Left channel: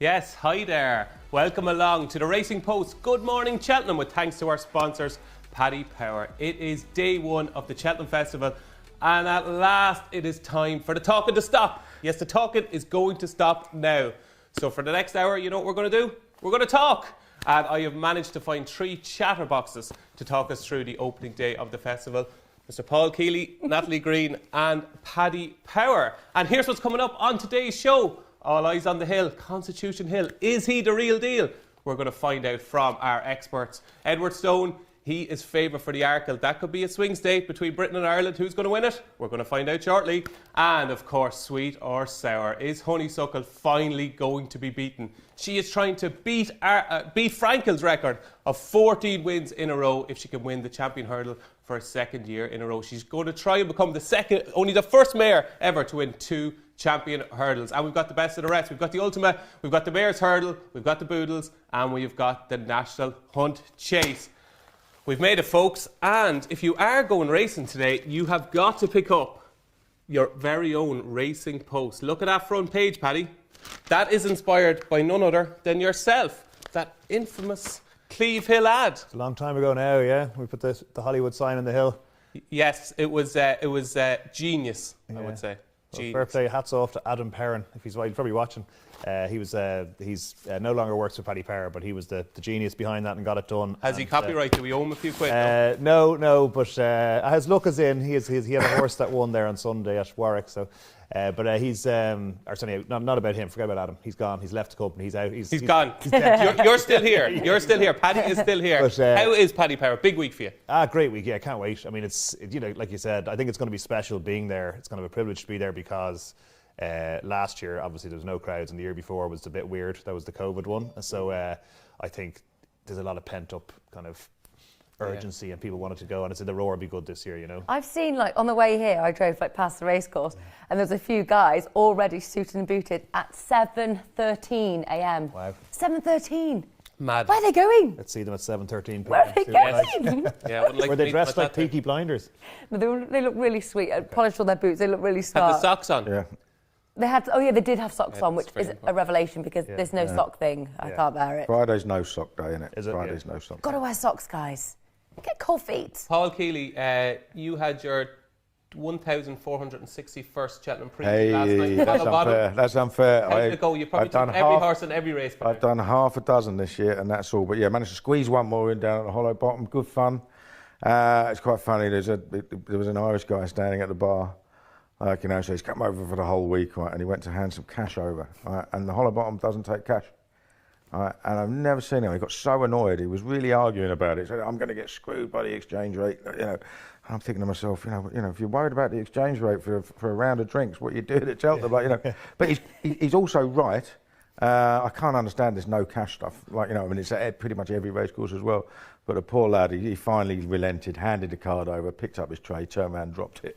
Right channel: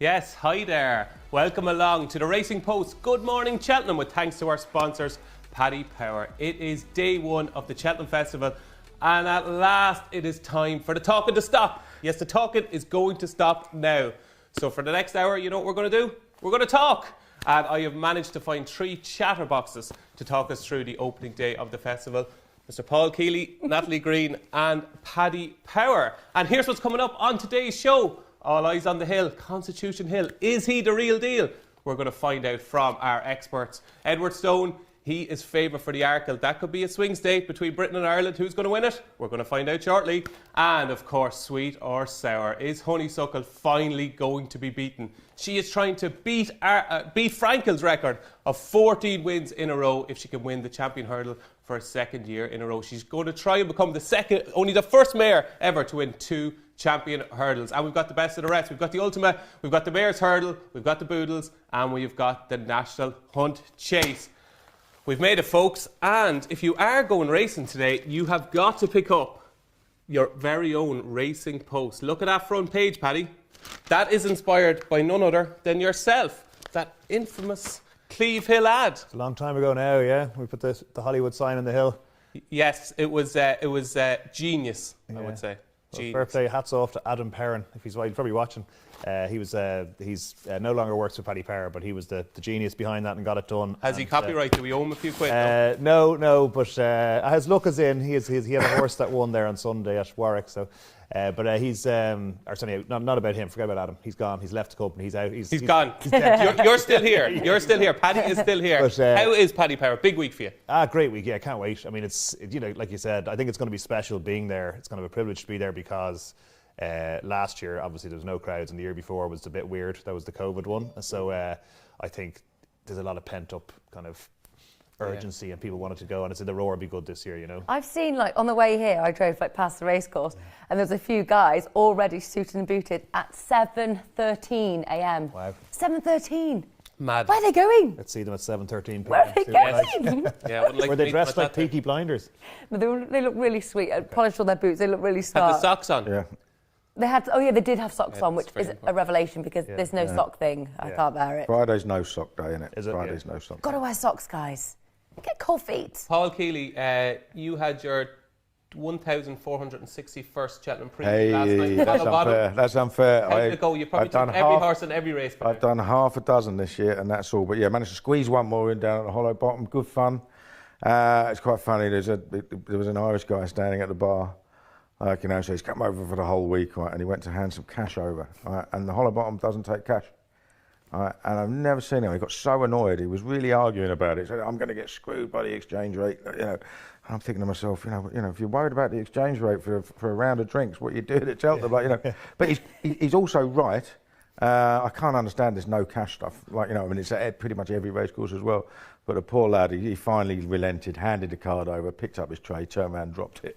Yes, hi there. Welcome along to the Racing Post Good Morning Cheltenham with thanks to our sponsors, Paddy Power. It is day one of the Cheltenham Festival and at last it is time for the talking to stop. Yes, the talking is going to stop now. So for the next hour, you know what we're going to do? We're going to talk. And I have managed to find 3 chatterboxes to talk us through the opening day of the festival. Mr. Paul Kealy, Natalie Green and Paddy Power. And here's what's coming up on today's show. All eyes on the hill, Constitution Hill. Is he the real deal? We're going to find out from our experts. Edward Stone, he is favourite for the Arkle. That could be a swing state between Britain and Ireland. Who's going to win it? We're going to find out shortly. And of course, sweet or sour. Is Honeysuckle finally going to be beaten? She is trying to beat Frankel's record of 14 wins in a row if she can win the Champion Hurdle for a second year in a row. She's going to try and become only the first mare ever to win 2 Champion Hurdles. And we've got the best of the rest. We've got the Ultima, we've got the Mayor's Hurdle, we've got the Boodles, and we've got the National Hunt Chase. We've made it, folks. And if you are going racing today, you have got to pick up your very own Racing Post. Look at that front page, Paddy. That is inspired by none other than yourself. That infamous Cleve Hill ad. It's a long time ago now, yeah. We put the Hollywood sign on the hill. Yes, it was genius, yeah. I would say. Well, birthday, hats off to Adam Perrin. If he's probably watching. He's no longer works for Paddy Power, but he was the genius behind that and got it done. Has he copyright? Do we owe him a few quid? No, but his luck is in. He had a horse that won there on Sunday at Warwick, so. But he's sorry, not about him. Forget about Adam. He's gone. He's left the company. He's out. He's gone. You're still here. You're still here. Paddy is still here. But, how is Paddy Power? Big week for you. Great week. Yeah, I can't wait. I mean, it's like you said. I think it's going to be special being there. It's kind of a privilege to be there because last year, obviously, there was no crowds, and the year before was a bit weird. That was the COVID one. So I think there's a lot of pent up kind of urgency and people wanted to go, and it's in the Roar be good this year, you know. I've seen, like, on the way here, I drove past the racecourse, and there's a few guys already suited and booted at 7:13 a.m. Wow. 7:13. Mad. Where are they going? Let's see them at 7:13. Where are they going? Were they dressed like Peaky Blinders? They look really sweet. Polished all their boots. They look really smart. Had the socks on? Yeah. They did have socks on, which is a revelation because there's no sock thing. I can't bear it. Friday's no sock day, isn't it? Is it? Friday's no sock day. Got to wear socks, guys. Get cold feet. Paul Kealy, you had your 1,461st Cheltenham Hey, last night. that's unfair. That's unfair. How did it go? You probably took every horse and every race. I've done half a dozen this year, and that's all. But yeah, I managed to squeeze one more in down at the Hollow Bottom. Good fun. It's quite funny. There was an Irish guy standing at the bar. So he's come over for the whole week, right? And he went to hand some cash over, right? And the Hollow Bottom doesn't take cash. And I've never seen him. He got so annoyed. He was really arguing about it. He said, "I'm going to get screwed by the exchange rate." And I'm thinking to myself, if you're worried about the exchange rate for a round of drinks, what you do at Cheltenham, But he's also right. I can't understand this no cash stuff. It's at pretty much every race course as well. But the poor lad, he finally relented, handed the card over, picked up his tray, turned around and dropped it.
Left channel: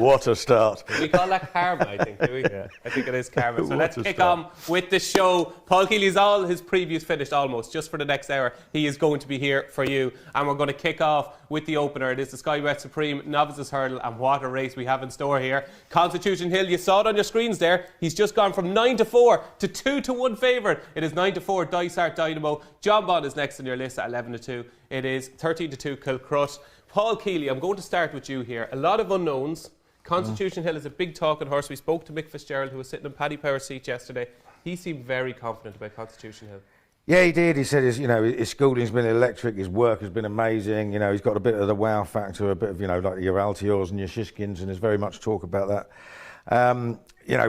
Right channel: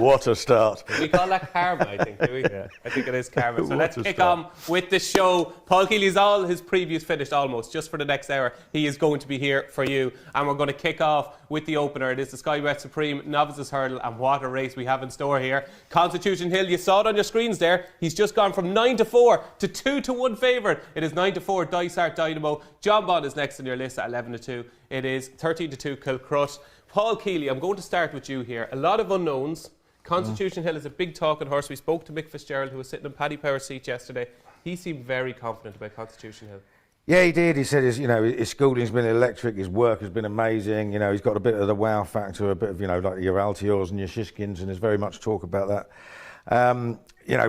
What a start. We call that karma, I think, do we? Yeah. I think it is karma. So let's kick on with the show. Paul Kealy's all his previews finished almost, just for the next hour. He is going to be here for you. And we're going to kick off with the opener. It is the Sky Bet Supreme Novices Hurdle, and what a race we have in store here. Constitution Hill, you saw it on your screens there. He's just gone from 9-4 to 2-1 favourite. It is 9-4 Dysart Dynamo. John Bond is next on your list at 11-2. It is 13-2 Kilcrush. Paul Kealy, I'm going to start with you here. A lot of unknowns. Constitution Hill is a big talking horse. We spoke to Mick Fitzgerald, who was sitting in Paddy Power's seat yesterday. He seemed very confident about Constitution Hill. Yeah, he did. He said his schooling's been electric, his work has been amazing. He's got a bit of the wow factor, a bit of, like your Altiors and your Shishkins, and there's very much talk about that.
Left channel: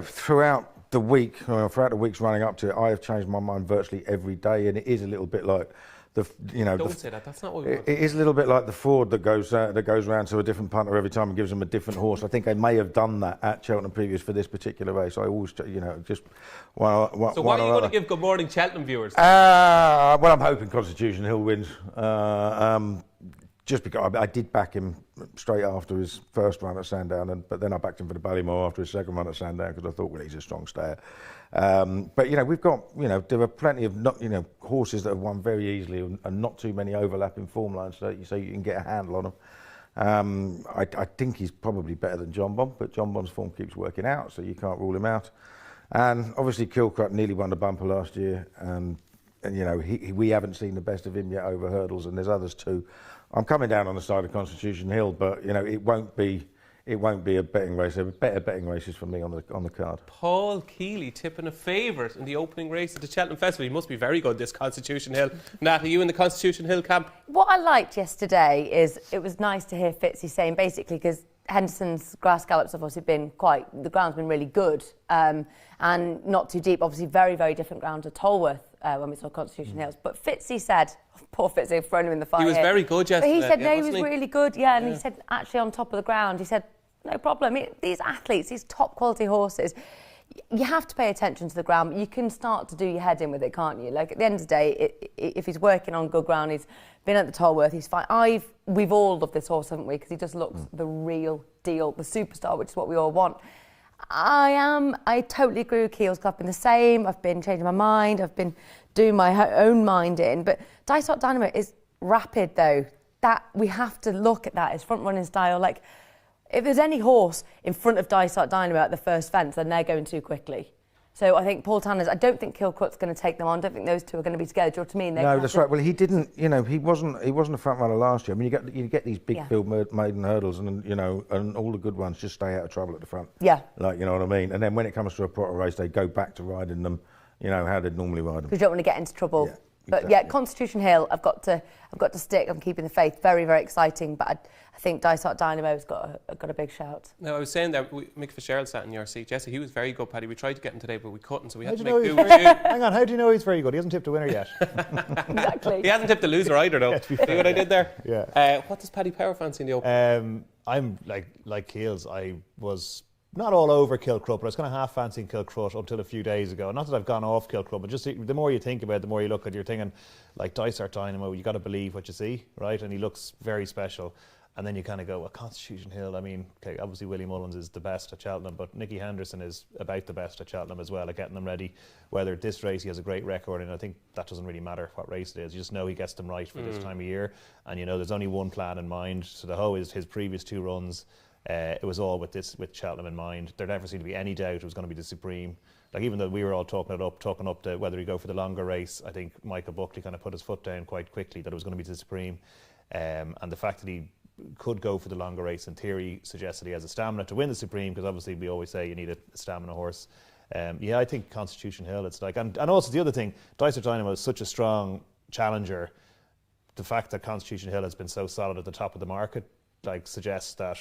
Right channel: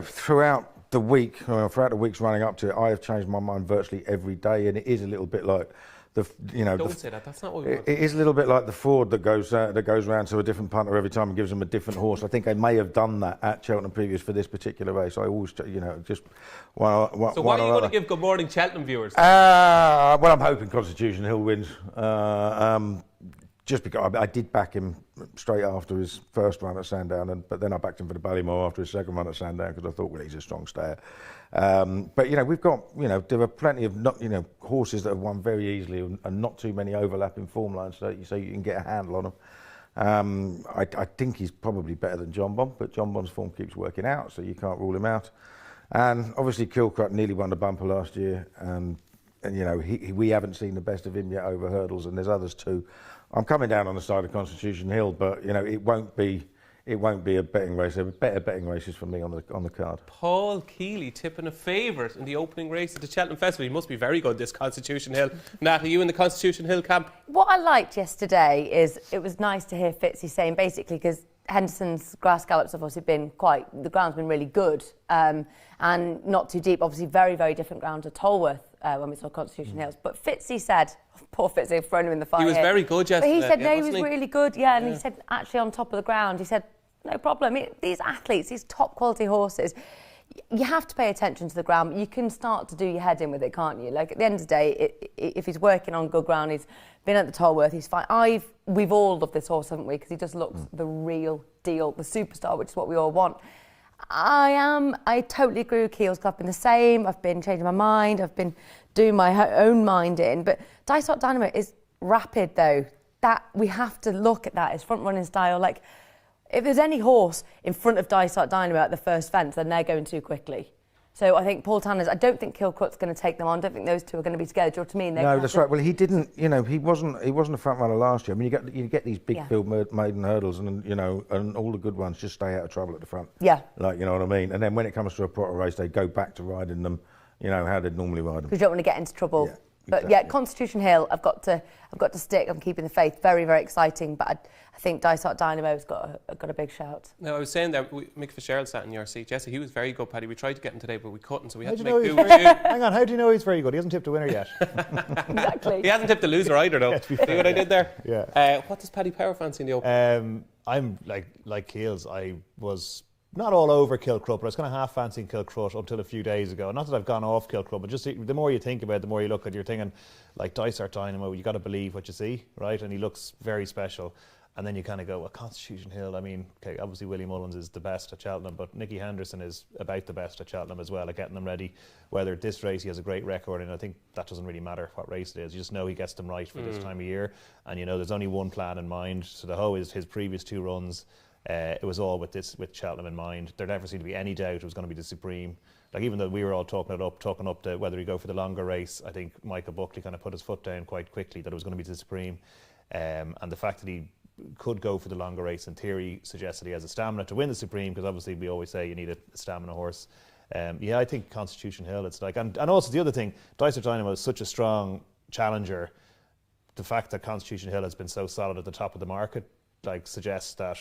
Throughout the weeks running up to it, I have changed my mind virtually every day, and it is a little bit like Don't say that. That's not what we want. It is a little bit like the Ford that goes round to a different punter every time and gives them a different horse. I think they may have done that at Cheltenham previous for this particular race. I always, just one. So why are you going to give Good Morning Cheltenham viewers? Well, I'm hoping Constitution Hill wins. Just because I did back him straight after his first run at Sandown, but then I backed him for the Ballymore after his second run at Sandown because I thought, well, he's a strong stayer. But we've got there are plenty of horses that have won very easily and not too many overlapping form lines, so you can get a handle on them. I think he's probably better than John Bond, but John Bond's form keeps working out, so you can't rule him out. And obviously Kilcrut nearly won the bumper last year, and you know we haven't seen the best of him yet over hurdles, and there's others too. I'm coming down on the side of Constitution Hill, but you know it won't be a betting race. There are better betting races for me on the card. Paul Kealy tipping a favourite in the opening race at the Cheltenham Festival. He must be very good, this Constitution Hill. Nat, are you in the Constitution Hill camp? What I liked yesterday is it was nice to hear Fitzy saying, basically, because Henderson's grass gallops have obviously been the ground's been really good and not too deep. Obviously, very, very different ground to Tolworth when we saw Constitution Hills. But Fitzy said, poor Fitzy, thrown him in the fire. He was very good yesterday. He said, he was really good, and he said, actually, on top of the ground, he said, no problem. These athletes, these top quality horses, you have to pay attention to the ground. You can start to do your head in with it, can't you? Like at the end of the day, if he's working on good ground, he's been at the Tolworth, he's fine. We've all loved this horse, haven't we? Because he just looks the real deal, the superstar, which is what we all want. I totally agree with Keels. I've been the same. I've been changing my mind. I've been doing my own mind in. But Dysart Dynamo is rapid, though. That we have to look at that as front running style. Like, if there's any horse in front of Dysart Dynamo at the first fence, then they're going too quickly. So I think Paul Tanner's, I don't think Kilcrut's going to take them on. I don't think those two are going to be together. Do you know what I mean? No, that's right. Well, he didn't, you know, he wasn't a front runner last year. I mean, you get these big field maiden hurdles and, you know, and all the good ones just stay out of trouble at the front. Yeah. Like, you know what I mean? And then when it comes to a proper race, they go back to riding them, you know, how they'd normally ride them. Because you don't want to get into trouble. Yeah. But exactly. Constitution Hill, I've got to stick on keeping the faith. Very, very exciting. But I think Dysart Dynamo's got a big shout. Now, I was saying that Mick Fitzgerald sat in your seat. Jesse, he was very good, Paddy. We tried to get him today, but we couldn't, so we had to make do with you. Hang on, how do you know he's very good? He hasn't tipped a winner yet. Exactly. He hasn't tipped the loser either, though. See what I did there? Yeah. What does Paddy Power fancy in the Open? I'm like Keels. I was not all over Kilcrut, but I was kind of half fancying Kilcrut until a few days ago. Not that I've gone off Kilcrut, but just the more you think about it, the more you look at it, you're thinking, like Dysart Dynamo, you got to believe what you see, right? And he looks very special. And then you kind of go, well, Constitution Hill, I mean, okay, obviously Willie Mullins is the best at Cheltenham, but Nicky Henderson is about the best at Cheltenham as well, at getting them ready. Whether this race he has a great record, and I think that doesn't really matter what race it is. You just know he gets them right for this time of year. And, you know, there's only one plan in mind. So the whole is his previous two runs, it was all with Cheltenham in mind. There never seemed to be any doubt it was going to be the Supreme. Like, even though we were all talking up to whether he go for the longer race, I think Michael Buckley kind of put his foot down quite quickly that it was going to be the Supreme. And the fact that he could go for the longer race in theory suggests that he has a stamina to win the Supreme, because obviously we always say you need a stamina horse. I think Constitution Hill, it's like, and also the other thing, Dysart Dynamo is such a strong challenger. The fact that Constitution Hill has been so solid at the top of the market, like, suggests that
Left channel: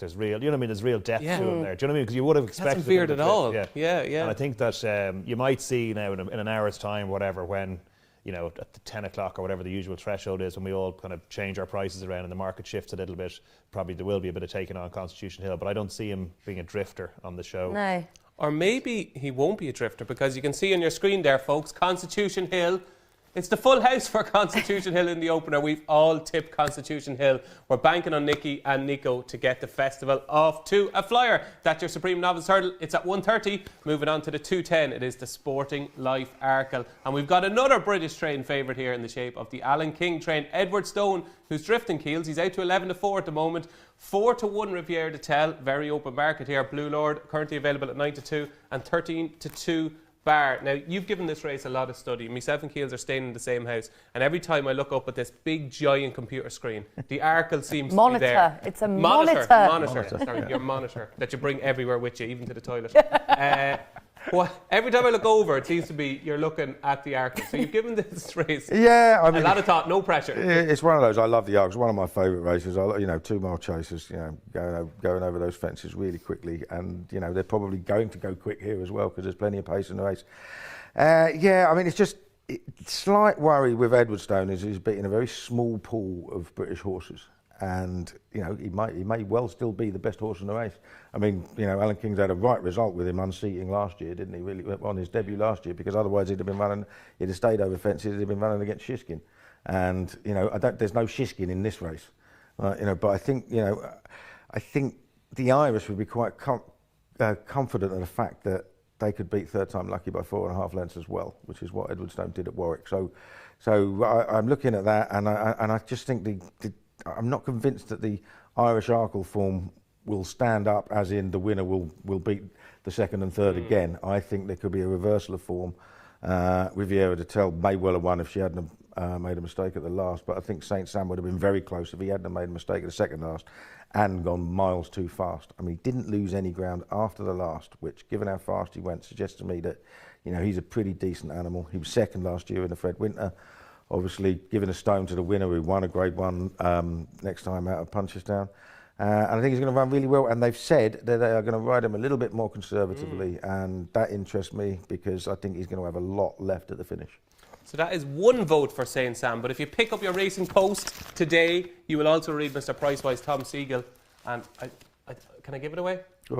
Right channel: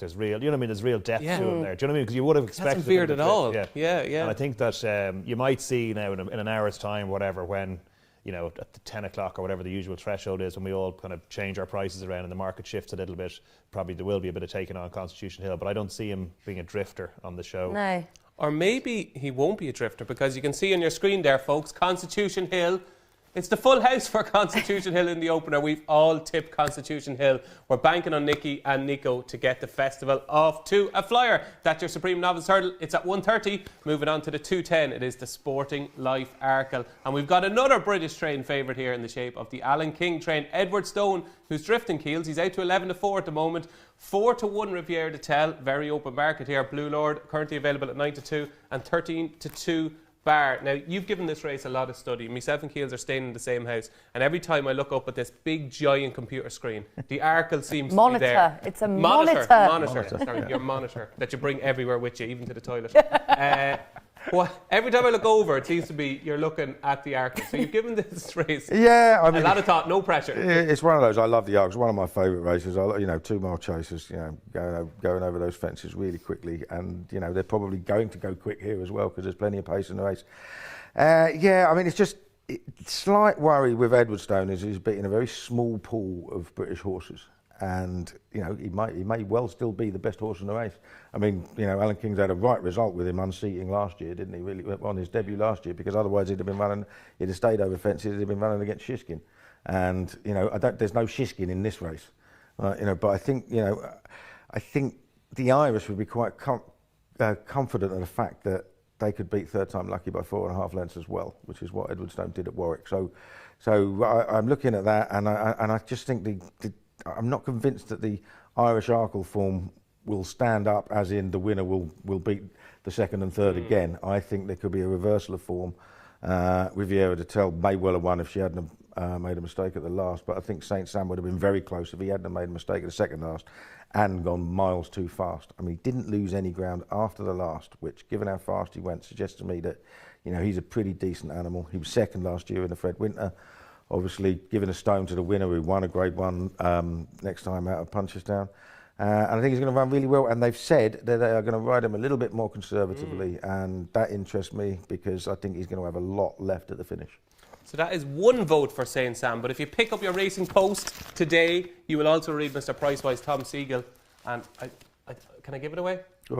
there's real, you know what I mean, there's real depth to him there. Do you know what I mean? Because you would have expected. Hasn't feared at all. Yeah. And I think that you might see now in an hour's time, whatever, when, you know, at the 10 o'clock or whatever the usual threshold is, when we all kind of change our prices around and the market shifts a little bit, probably there will be a bit of taking on Constitution Hill, but I don't see him being a drifter on the show. No. Or maybe he won't be a drifter, because you can see on your screen there, folks, Constitution Hill. It's the full house for Constitution Hill in the opener. We've all tipped Constitution Hill. We're banking on Nicky and Nico to get the festival off to a flyer. That's your Supreme Novice Hurdle. It's at 1:30. Moving on to the 2:10. It is the Sporting Life Arkle. And we've got another British train favourite here in the shape of the Alan King train. Edward Stone, who's drifting Keels. He's out to 11-4 at the moment. 4-1 Riviere de Tel. Very open market here. Blue Lord currently available at 9-2 and 13-2. Bar. Now, you've given this race a lot of study. Myself and Keels are staying in the same house, and every time I look up at this big giant computer screen, the Arkle seems to be there. It's a monitor. Sorry, your monitor that you bring everywhere with you, even to the toilet. Every time I look over, it seems to be you're looking at the Arkle. So you've given this race a lot of thought, no pressure. It's one of those. I love the Arkle. It's one of my favourite races. 2-mile chasers, going over those fences really quickly, and they're probably going to go quick here as well because there's plenty of pace in the race. It's just slight worry with Edwardstone is he's beating a very small pool of British horses. And he may well still be the best horse in the race. I mean, Alan King's had a right result with him unseating last year, didn't he? Really on his debut last year, because otherwise he'd have stayed over fences. He'd have been running against Shiskin, and there's no Shiskin in this race, But I think the Irish would be quite confident of the fact that they could beat Third Time Lucky by 4.5 lengths as well, which is what Edwardstone did at Warwick. So I'm looking at that, and I just think I'm not convinced that the Irish Arkle form will stand up, as in the winner will beat the second and third again, I think there could be a reversal of form. Riviera de Tel may well have won if she hadn't made a mistake at the last, but I think St. Sam would have been very close if he hadn't made a mistake at the second last and gone miles too fast. I mean, he didn't lose any ground after the last, which, given how fast he went, suggests to me that, he's a pretty decent animal. He was second last year in the Fred Winter. Obviously, giving a stone to the winner who won a Grade 1 next time out of Punchestown. And I think he's going to run really well. And they've said that they are going to ride him a little bit more conservatively. And that interests me because I think he's going to have a lot left at the finish. So that is one vote for St. Sam. But if you pick up your Racing Post today, you will also read Mr. Pricewise Tom Siegel. And can I give it away?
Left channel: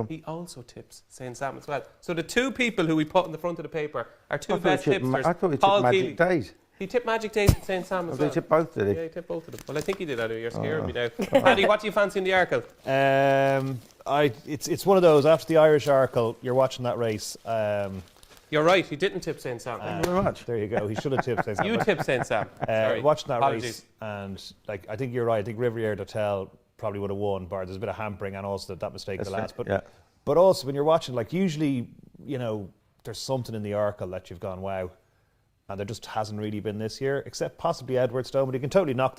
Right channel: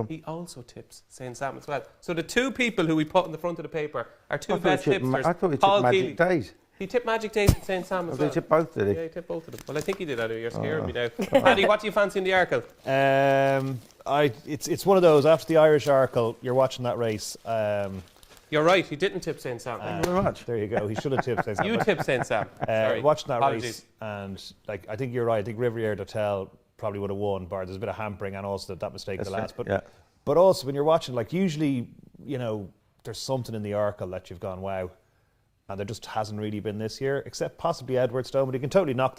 He also tips St. Sam as well. So the two people who we put in the front of the paper are two best tipsters. I thought he tipped Magic Days. He tipped Magic Days and St. Sam as well. He tipped both, did he? Yeah, he tipped both of them. Well, I think he did. You're scaring me now. Paddy, what do you fancy in the Arkle? It's one of those, after the Irish Arkle, you're watching that race. You're right, he didn't tip St. Sam. Thank you very much. There you go, he should have tipped St. Sam. You tipped St. Sam. Watching that race, and I think you're right. I think Riviere de Tel probably would have won, bar there's a bit of hampering and also that mistake at the last. But also when you're watching, usually, there's something in the Arkle that you've gone, wow. And there just hasn't really been this year, except possibly Edwardstone. But you can totally not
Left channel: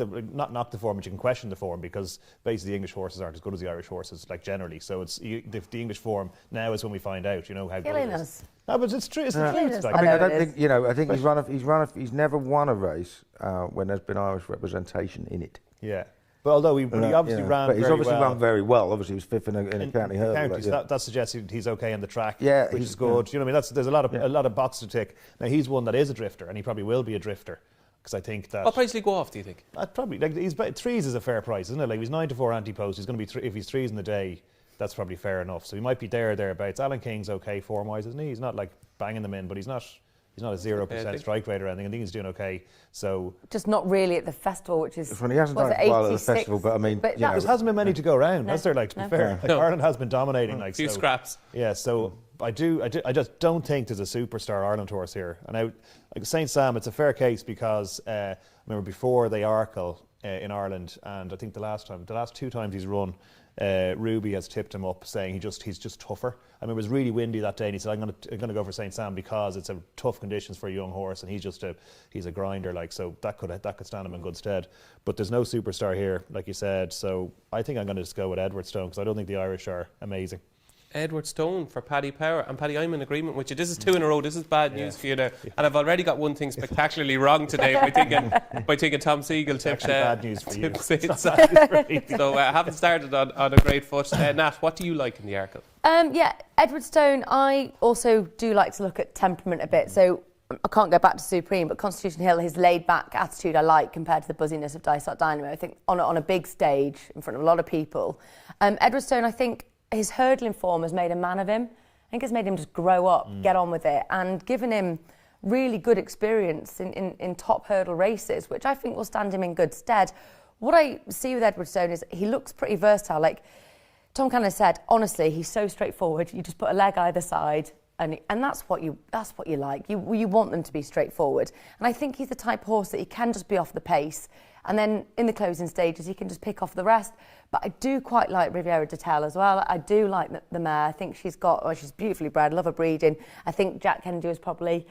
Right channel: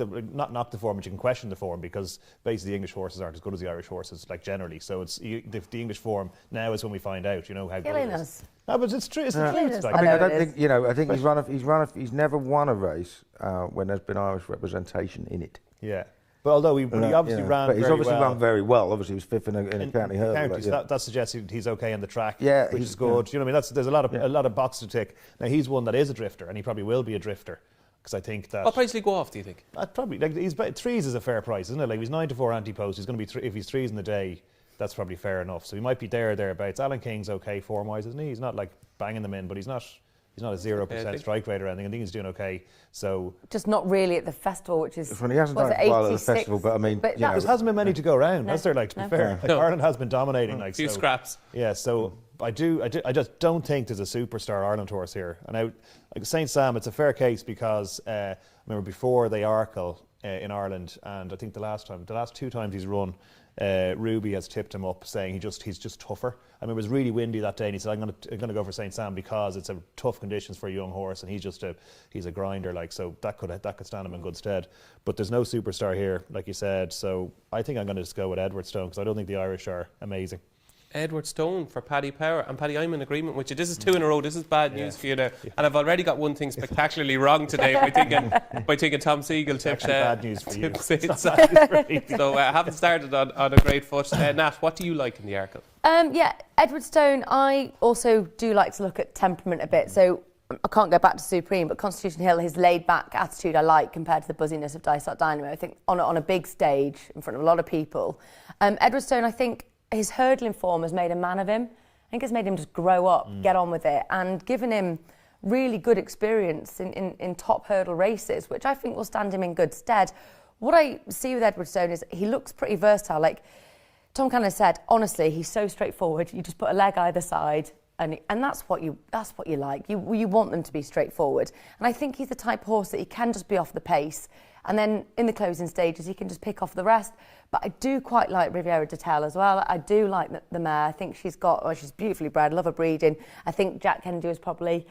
knock the form, but you can question the form because basically the English horses aren't as good as the Irish horses, generally. So it's the English form now is when we find out, how good it is. No, but it's true. It's the truth. I think he's never won a race when there's been Irish representation in it. Yeah. But although he obviously ran but he's very obviously well. run very well. Obviously, he was fifth in a county hurdle. So that suggests he's okay on the track, which is good. Yeah. You know what I mean? There's a lot of boxes to tick. Now he's one that is a drifter, and he probably will be a drifter because I think that. What price will he go off? Do you think? Probably he's threes is a fair price, isn't it? He's 9-4 anti-post. He's going to be if he's threes in the day, that's probably fair enough. So he might be thereabouts. Alan King's okay form-wise, isn't he? He's not banging them in, but he's not a 0% strike rate or anything. I think he's doing okay. So just not really at the festival, which is he hasn't done well at the festival, but I mean, there hasn't been many to go around, has there? To be fair, Ireland has been dominating. A few scraps. Yeah, so I just don't think there's a superstar Ireland horse here. And St. Sam, it's a fair case because I remember before the Arkle in Ireland, and I think the last two times he's run, Ruby has tipped him up saying he's just tougher. I mean, it was really windy that day, and he said, "I'm going to go for St. Sam because it's a tough conditions for a young horse, and he's a grinder, so that could stand him in good stead." But there's no superstar here, like you said. So I think I'm going to just go with Edwardstone because I don't think the Irish are amazing. Edwardstone for Paddy Power. And Paddy, I'm in agreement with you. This is 2 in a row. This is bad news for you now. And I've already got one thing spectacularly wrong today by thinking Tom Siegel tipped bad news for you. So I haven't started on a great foot. Nat, what do you like in the Arkle? Edwardstone, I also do like to look at temperament a bit. So I can't go back to Supreme, but Constitution Hill, his laid-back attitude I like compared to the buzziness of Dysart Dynamo. I think on a big stage in front of a lot of people. Edwardstone, I think his hurdling form has made a man of him. I think it's made him just grow up, get on with it, and given him really good experience in top hurdle races, which I think will stand him in good stead. What I see with Edwardstone is he looks pretty versatile. Like Tom kind of said, honestly, he's so straightforward. You just put a leg either side, and that's what you like. You want them to be straightforward. And I think he's the type of horse that he can just be off the pace, and then in the closing stages he can just pick off the rest. But I do quite like Riviera de Tel as well. I do like the mare. I think she's beautifully bred. Love her breeding. I think Jack Kennedy was probably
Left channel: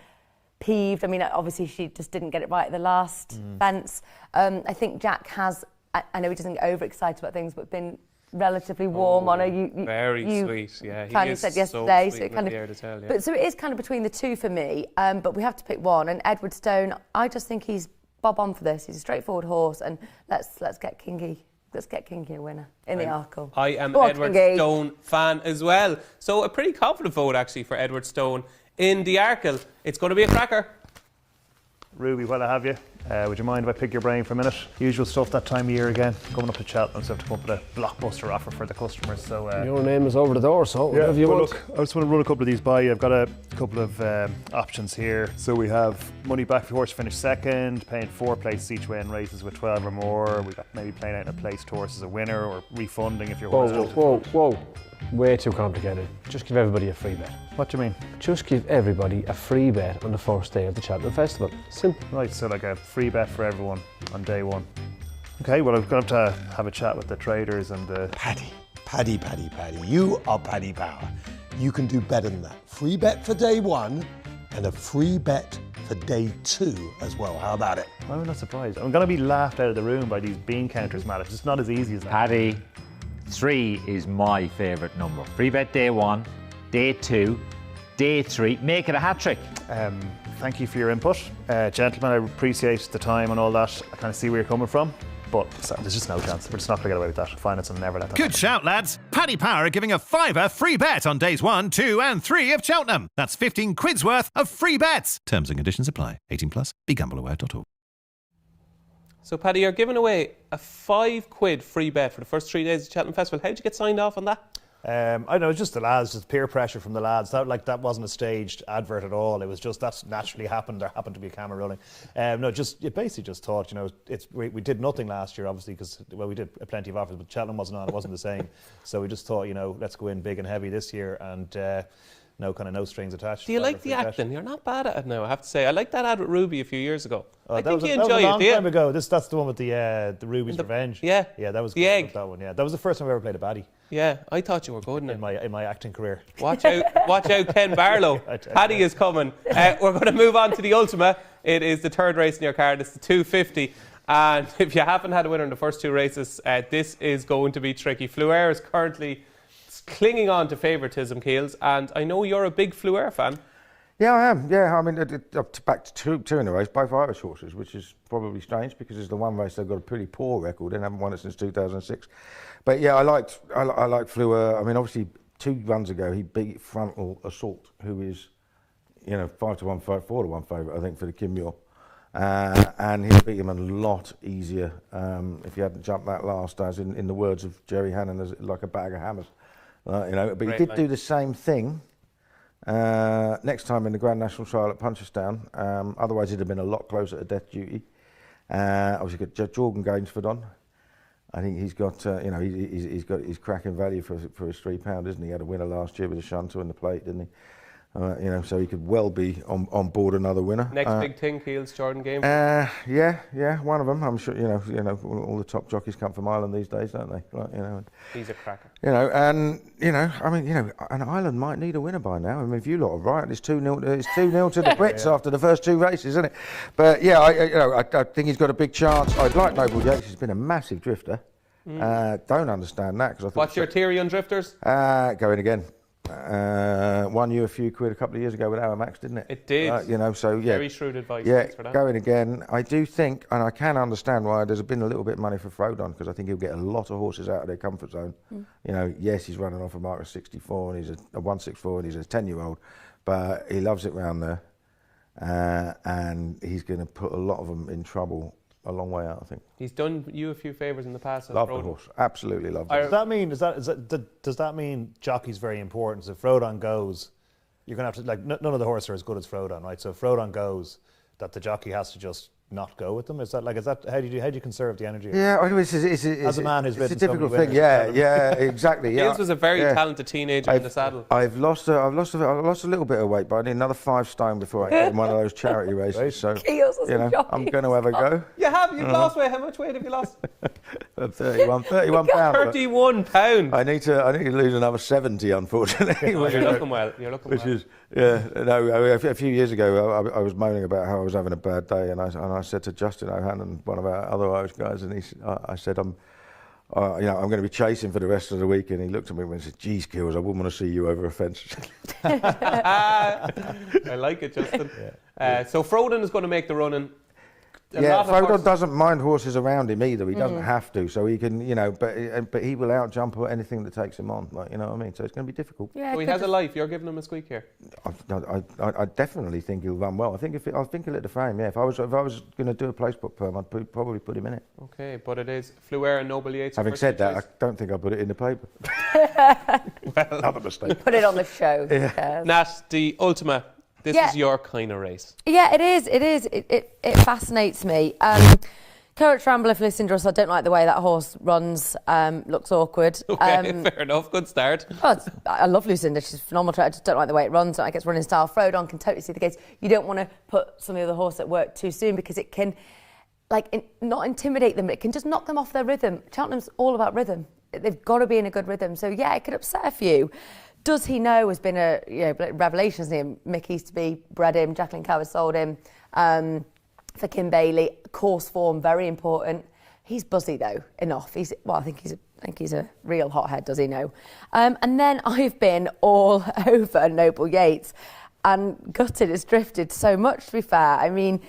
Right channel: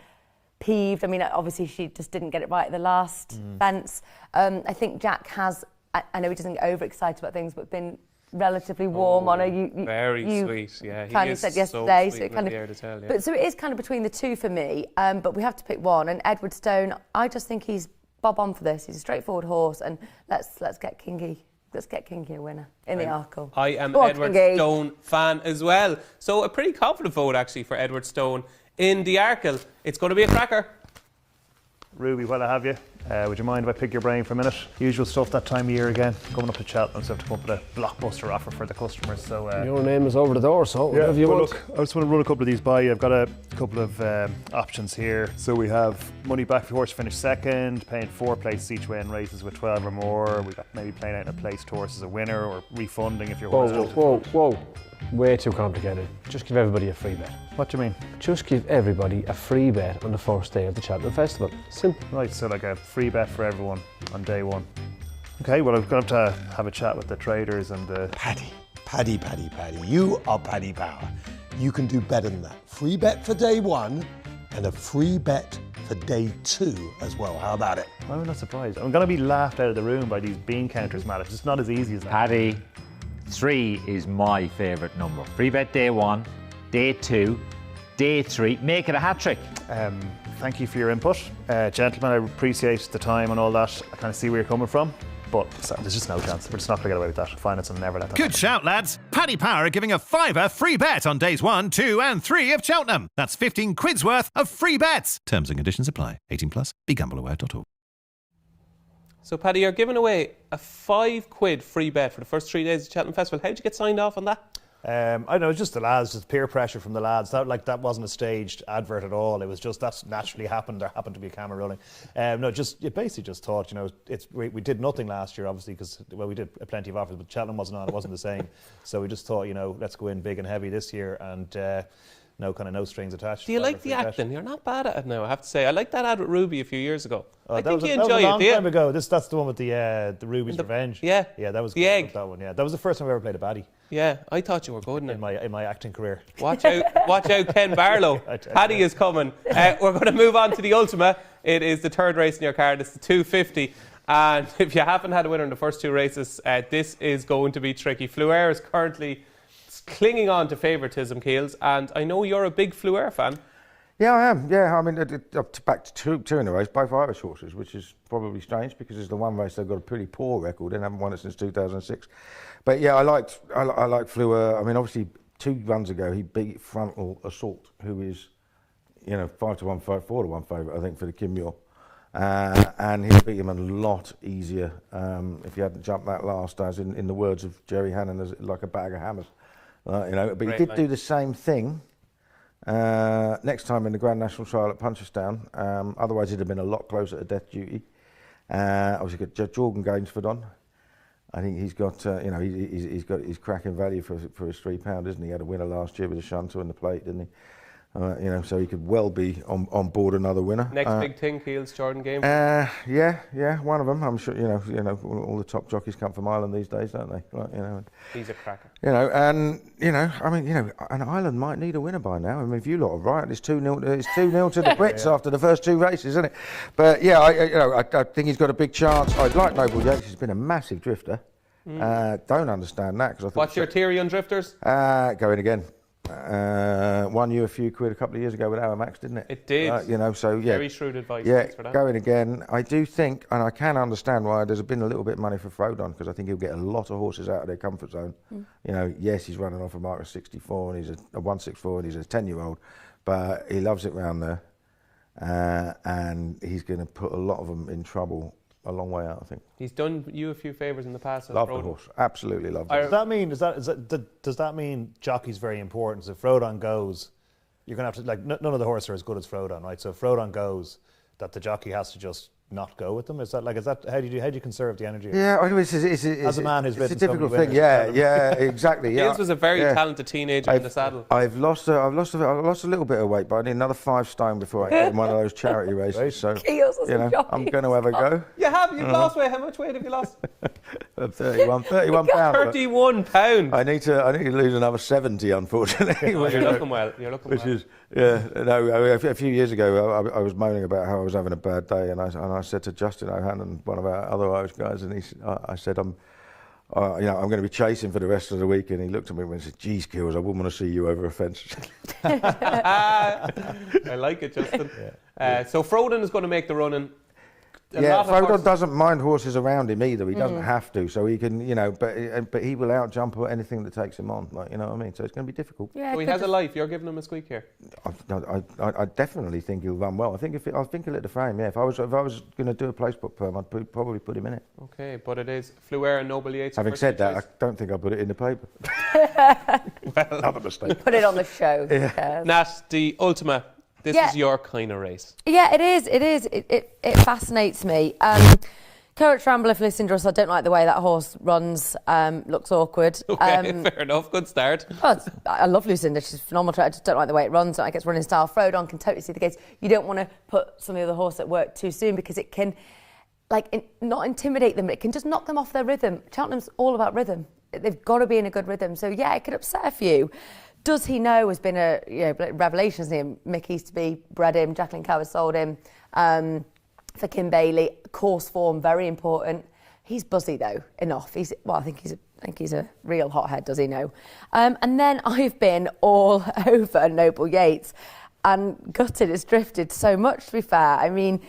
peeved. I mean, obviously she just didn't get it right at the last fence. I think Jack has. I know he doesn't get overexcited about things, but been relatively warm on her. Very sweet. Yeah, he kind of is said yesterday. So it kind Riviera de Tel, but so it is kind of between the two for me. But we have to pick one. And Edwardstone, I just think he's bob on for this. He's a straightforward horse, and let's get Kingy. Let's get Kingy a winner in the Arkle. I am Edwardstone fan as well. So a pretty confident vote actually for Edwardstone in the Arkle. It's going to be a cracker. Ruby, while I have you, would you mind if I pick your brain for a minute? Usual stuff that time of year again, coming up to Cheltenham, so I have to come up with a blockbuster offer for the customers. So your name is over the door, so whatever you want. Look, I just want to run a couple of these by you. I've got a couple of options here. So we have money back for horse finish second, paying 4 places each way in races with 12 or more. We've got maybe playing out in a placed horse as a winner, or refunding if your horse Whoa. Way too complicated. Just give everybody a free bet. What do you mean? Just give everybody a free bet on the first day of the Cheltenham Festival. Simple. Right, so like a free bet for everyone on day one. Okay, well, I'm going to have a chat with the traders and the... Paddy. You are Paddy Power. you can do better than that. Free bet for day one and a free bet for day two as well. How about it? I'm not surprised. I'm going to be laughed out of the room by these bean counters, Matt. It's just not as easy as that. Paddy, 3 is my favourite number. Free bet day 1, day 2, day 3. Make it a hat trick. Thank you for your input. Gentlemen, I appreciate the time and all that. I kind of see where you're coming from. But there's just no chance. We're just not going to get away with that. Finance will never let that Good shout, lads. Paddy Power giving a £5 free bet on days 1, 2 and 3 of Cheltenham. That's 15 quid's worth of free bets. Terms and conditions apply. 18 plus. BeGambleAware.org. So, Paddy, you're giving away a £5 free bet for the first 3 days of Cheltenham Festival. How did you get signed off on that? I don't know, it's just the lads, just peer pressure from the lads. That wasn't a staged advert at all. It was just that's naturally happened. There happened to be a camera rolling. You basically just thought, we did nothing last year, obviously, because we did plenty of offers, but Cheltenham wasn't on. It wasn't the same. So we just thought, let's go in big and heavy this year, and no strings attached. Do you like the acting? You're not bad at it now, I have to say. I liked that ad with Ruby a few years ago. I think you enjoy it. That was a long time ago. That's the one with the Ruby's Revenge. Yeah. Yeah, that was the egg. That one. Yeah, that was the first time I ever played a baddie. Yeah, I thought you were good in my acting career. Watch out, Ken Barlow. Paddy is coming. We're going to move on to the Ultima. It is the third race in your card. It's the 250. And if you haven't had a winner in the first 2 races, this is going to be tricky. Fleuer is currently clinging on to favouritism, Keels, and I know you're a big Fleuer fan. Yeah, I am. Yeah, I mean, back to two in a race, both Irish horses, which is probably strange because it's the one race they've got a pretty poor record and haven't won it since 2006. But yeah, I liked Fleuer. I mean, obviously 2 runs ago he beat Frontal Assault, who is 5-1, 4-1 favourite, I think, for the Kim Muir. And he beat him a lot easier if he hadn't jumped that last, as in the words of Jerry Hannon, as like a bag of hammers. But he did do the same thing next time in the Grand National trial at Punchestown. Otherwise, it'd have been a lot closer to death duty. Obviously, got Jordan Gainsford on. I think he's got he's got his cracking value for his £3, isn't he? He had a winner last year with a shunter in the plate, didn't he? So he could well be on board another winner. Next big thing, Keels, Jordan Game. Yeah, one of them. I'm sure all the top jockeys come from Ireland these days, don't they? He's a cracker. And Ireland might need a winner by now. I mean, if you lot are right, it's 2-0 to the Brits after the first 2 races, isn't it? But yeah, I think he's got a big chance. I'd like Noble Yates. He's been a massive drifter. Don't understand that because I thought. What's your theory on drifters? Going again. Won you a few quid a couple of years ago with Aramax, didn't it? It did. So yeah. Very shrewd advice. Yeah, thanks for that. going again. I do think, and I can understand why there's been a little bit of money for Frodon, because I think he'll get a lot of horses out of their comfort zone. Yes, he's running off a mark of 64, and he's a 164, and he's a 10-year-old, but he loves it round there, and he's going to put a lot of them in trouble a long way out, I think. He's done you a few favours in the past. Love the horse, absolutely love it. Does that mean jockey's very important? So if Frodon goes, you're going to have to none of the horses are as good as Frodon, right? So if Frodon goes, that the jockey has to just not go with them. Is that how do you conserve the energy? Yeah, as a man who's it's a difficult thing. Yeah, exactly. Keels was a very talented teenager in the saddle. I've lost a little bit of weight, but I need anher 5 stone before I get in one of those charity races. So I'm going to have a go. You've lost weight. How much weight have you lost? 31 pounds. 31 pounds. I need to lose another 70, unfortunately. You're looking well. A few years ago, I was moaning about how I was having a bad day, and I said to Justin O'Hanlon, one of our other Irish guys, and I said, I'm going to be chasing for the rest of the week, and he looked at me and said, "Geez, Kills, I wouldn't want to see you over a fence." I like it, Justin. So Frodon is going to make the running. Frodon doesn't mind horses around him either. He doesn't have to, so he can, but he will outjump anything that takes him on. You know what I mean? So it's going to be difficult. Yeah, so he has a life. You're giving him a squeak here. I definitely think he'll run well. I think he'll hit the frame. Yeah, if I was going to do a place book perm, I'd probably put him in it. Okay, but it is Fleuer and Noble Yates. Having said that, I don't think I'll put it in the paper. Another mistake. Put it on the show. Yeah. Nat, the Ultima. This is your kind of race. Yeah, it is. It fascinates me. Courage Rambler for listening to us. I don't like the way that horse runs. Looks awkward. Okay, fair enough. Good start. I love Lucinda. She's phenomenal. I just don't like the way it runs. I don't like its running style. Frodon can totally see the gates. You don't want to put some of the horse at work too soon because it can, not intimidate them. It can just knock them off their rhythm. Cheltenham's all about rhythm. They've got to be in a good rhythm. So yeah, it could upset a few. Does he know has been a revelation, hasn't he? Mick Easterby bred him, Jacqueline Cower sold him. For Kim Bailey, course form, very important. He's buzzy though, enough. I think he's a real hothead, does he know? And then I've been all over Noble Yates and gutted, has drifted so much, to be fair. I mean,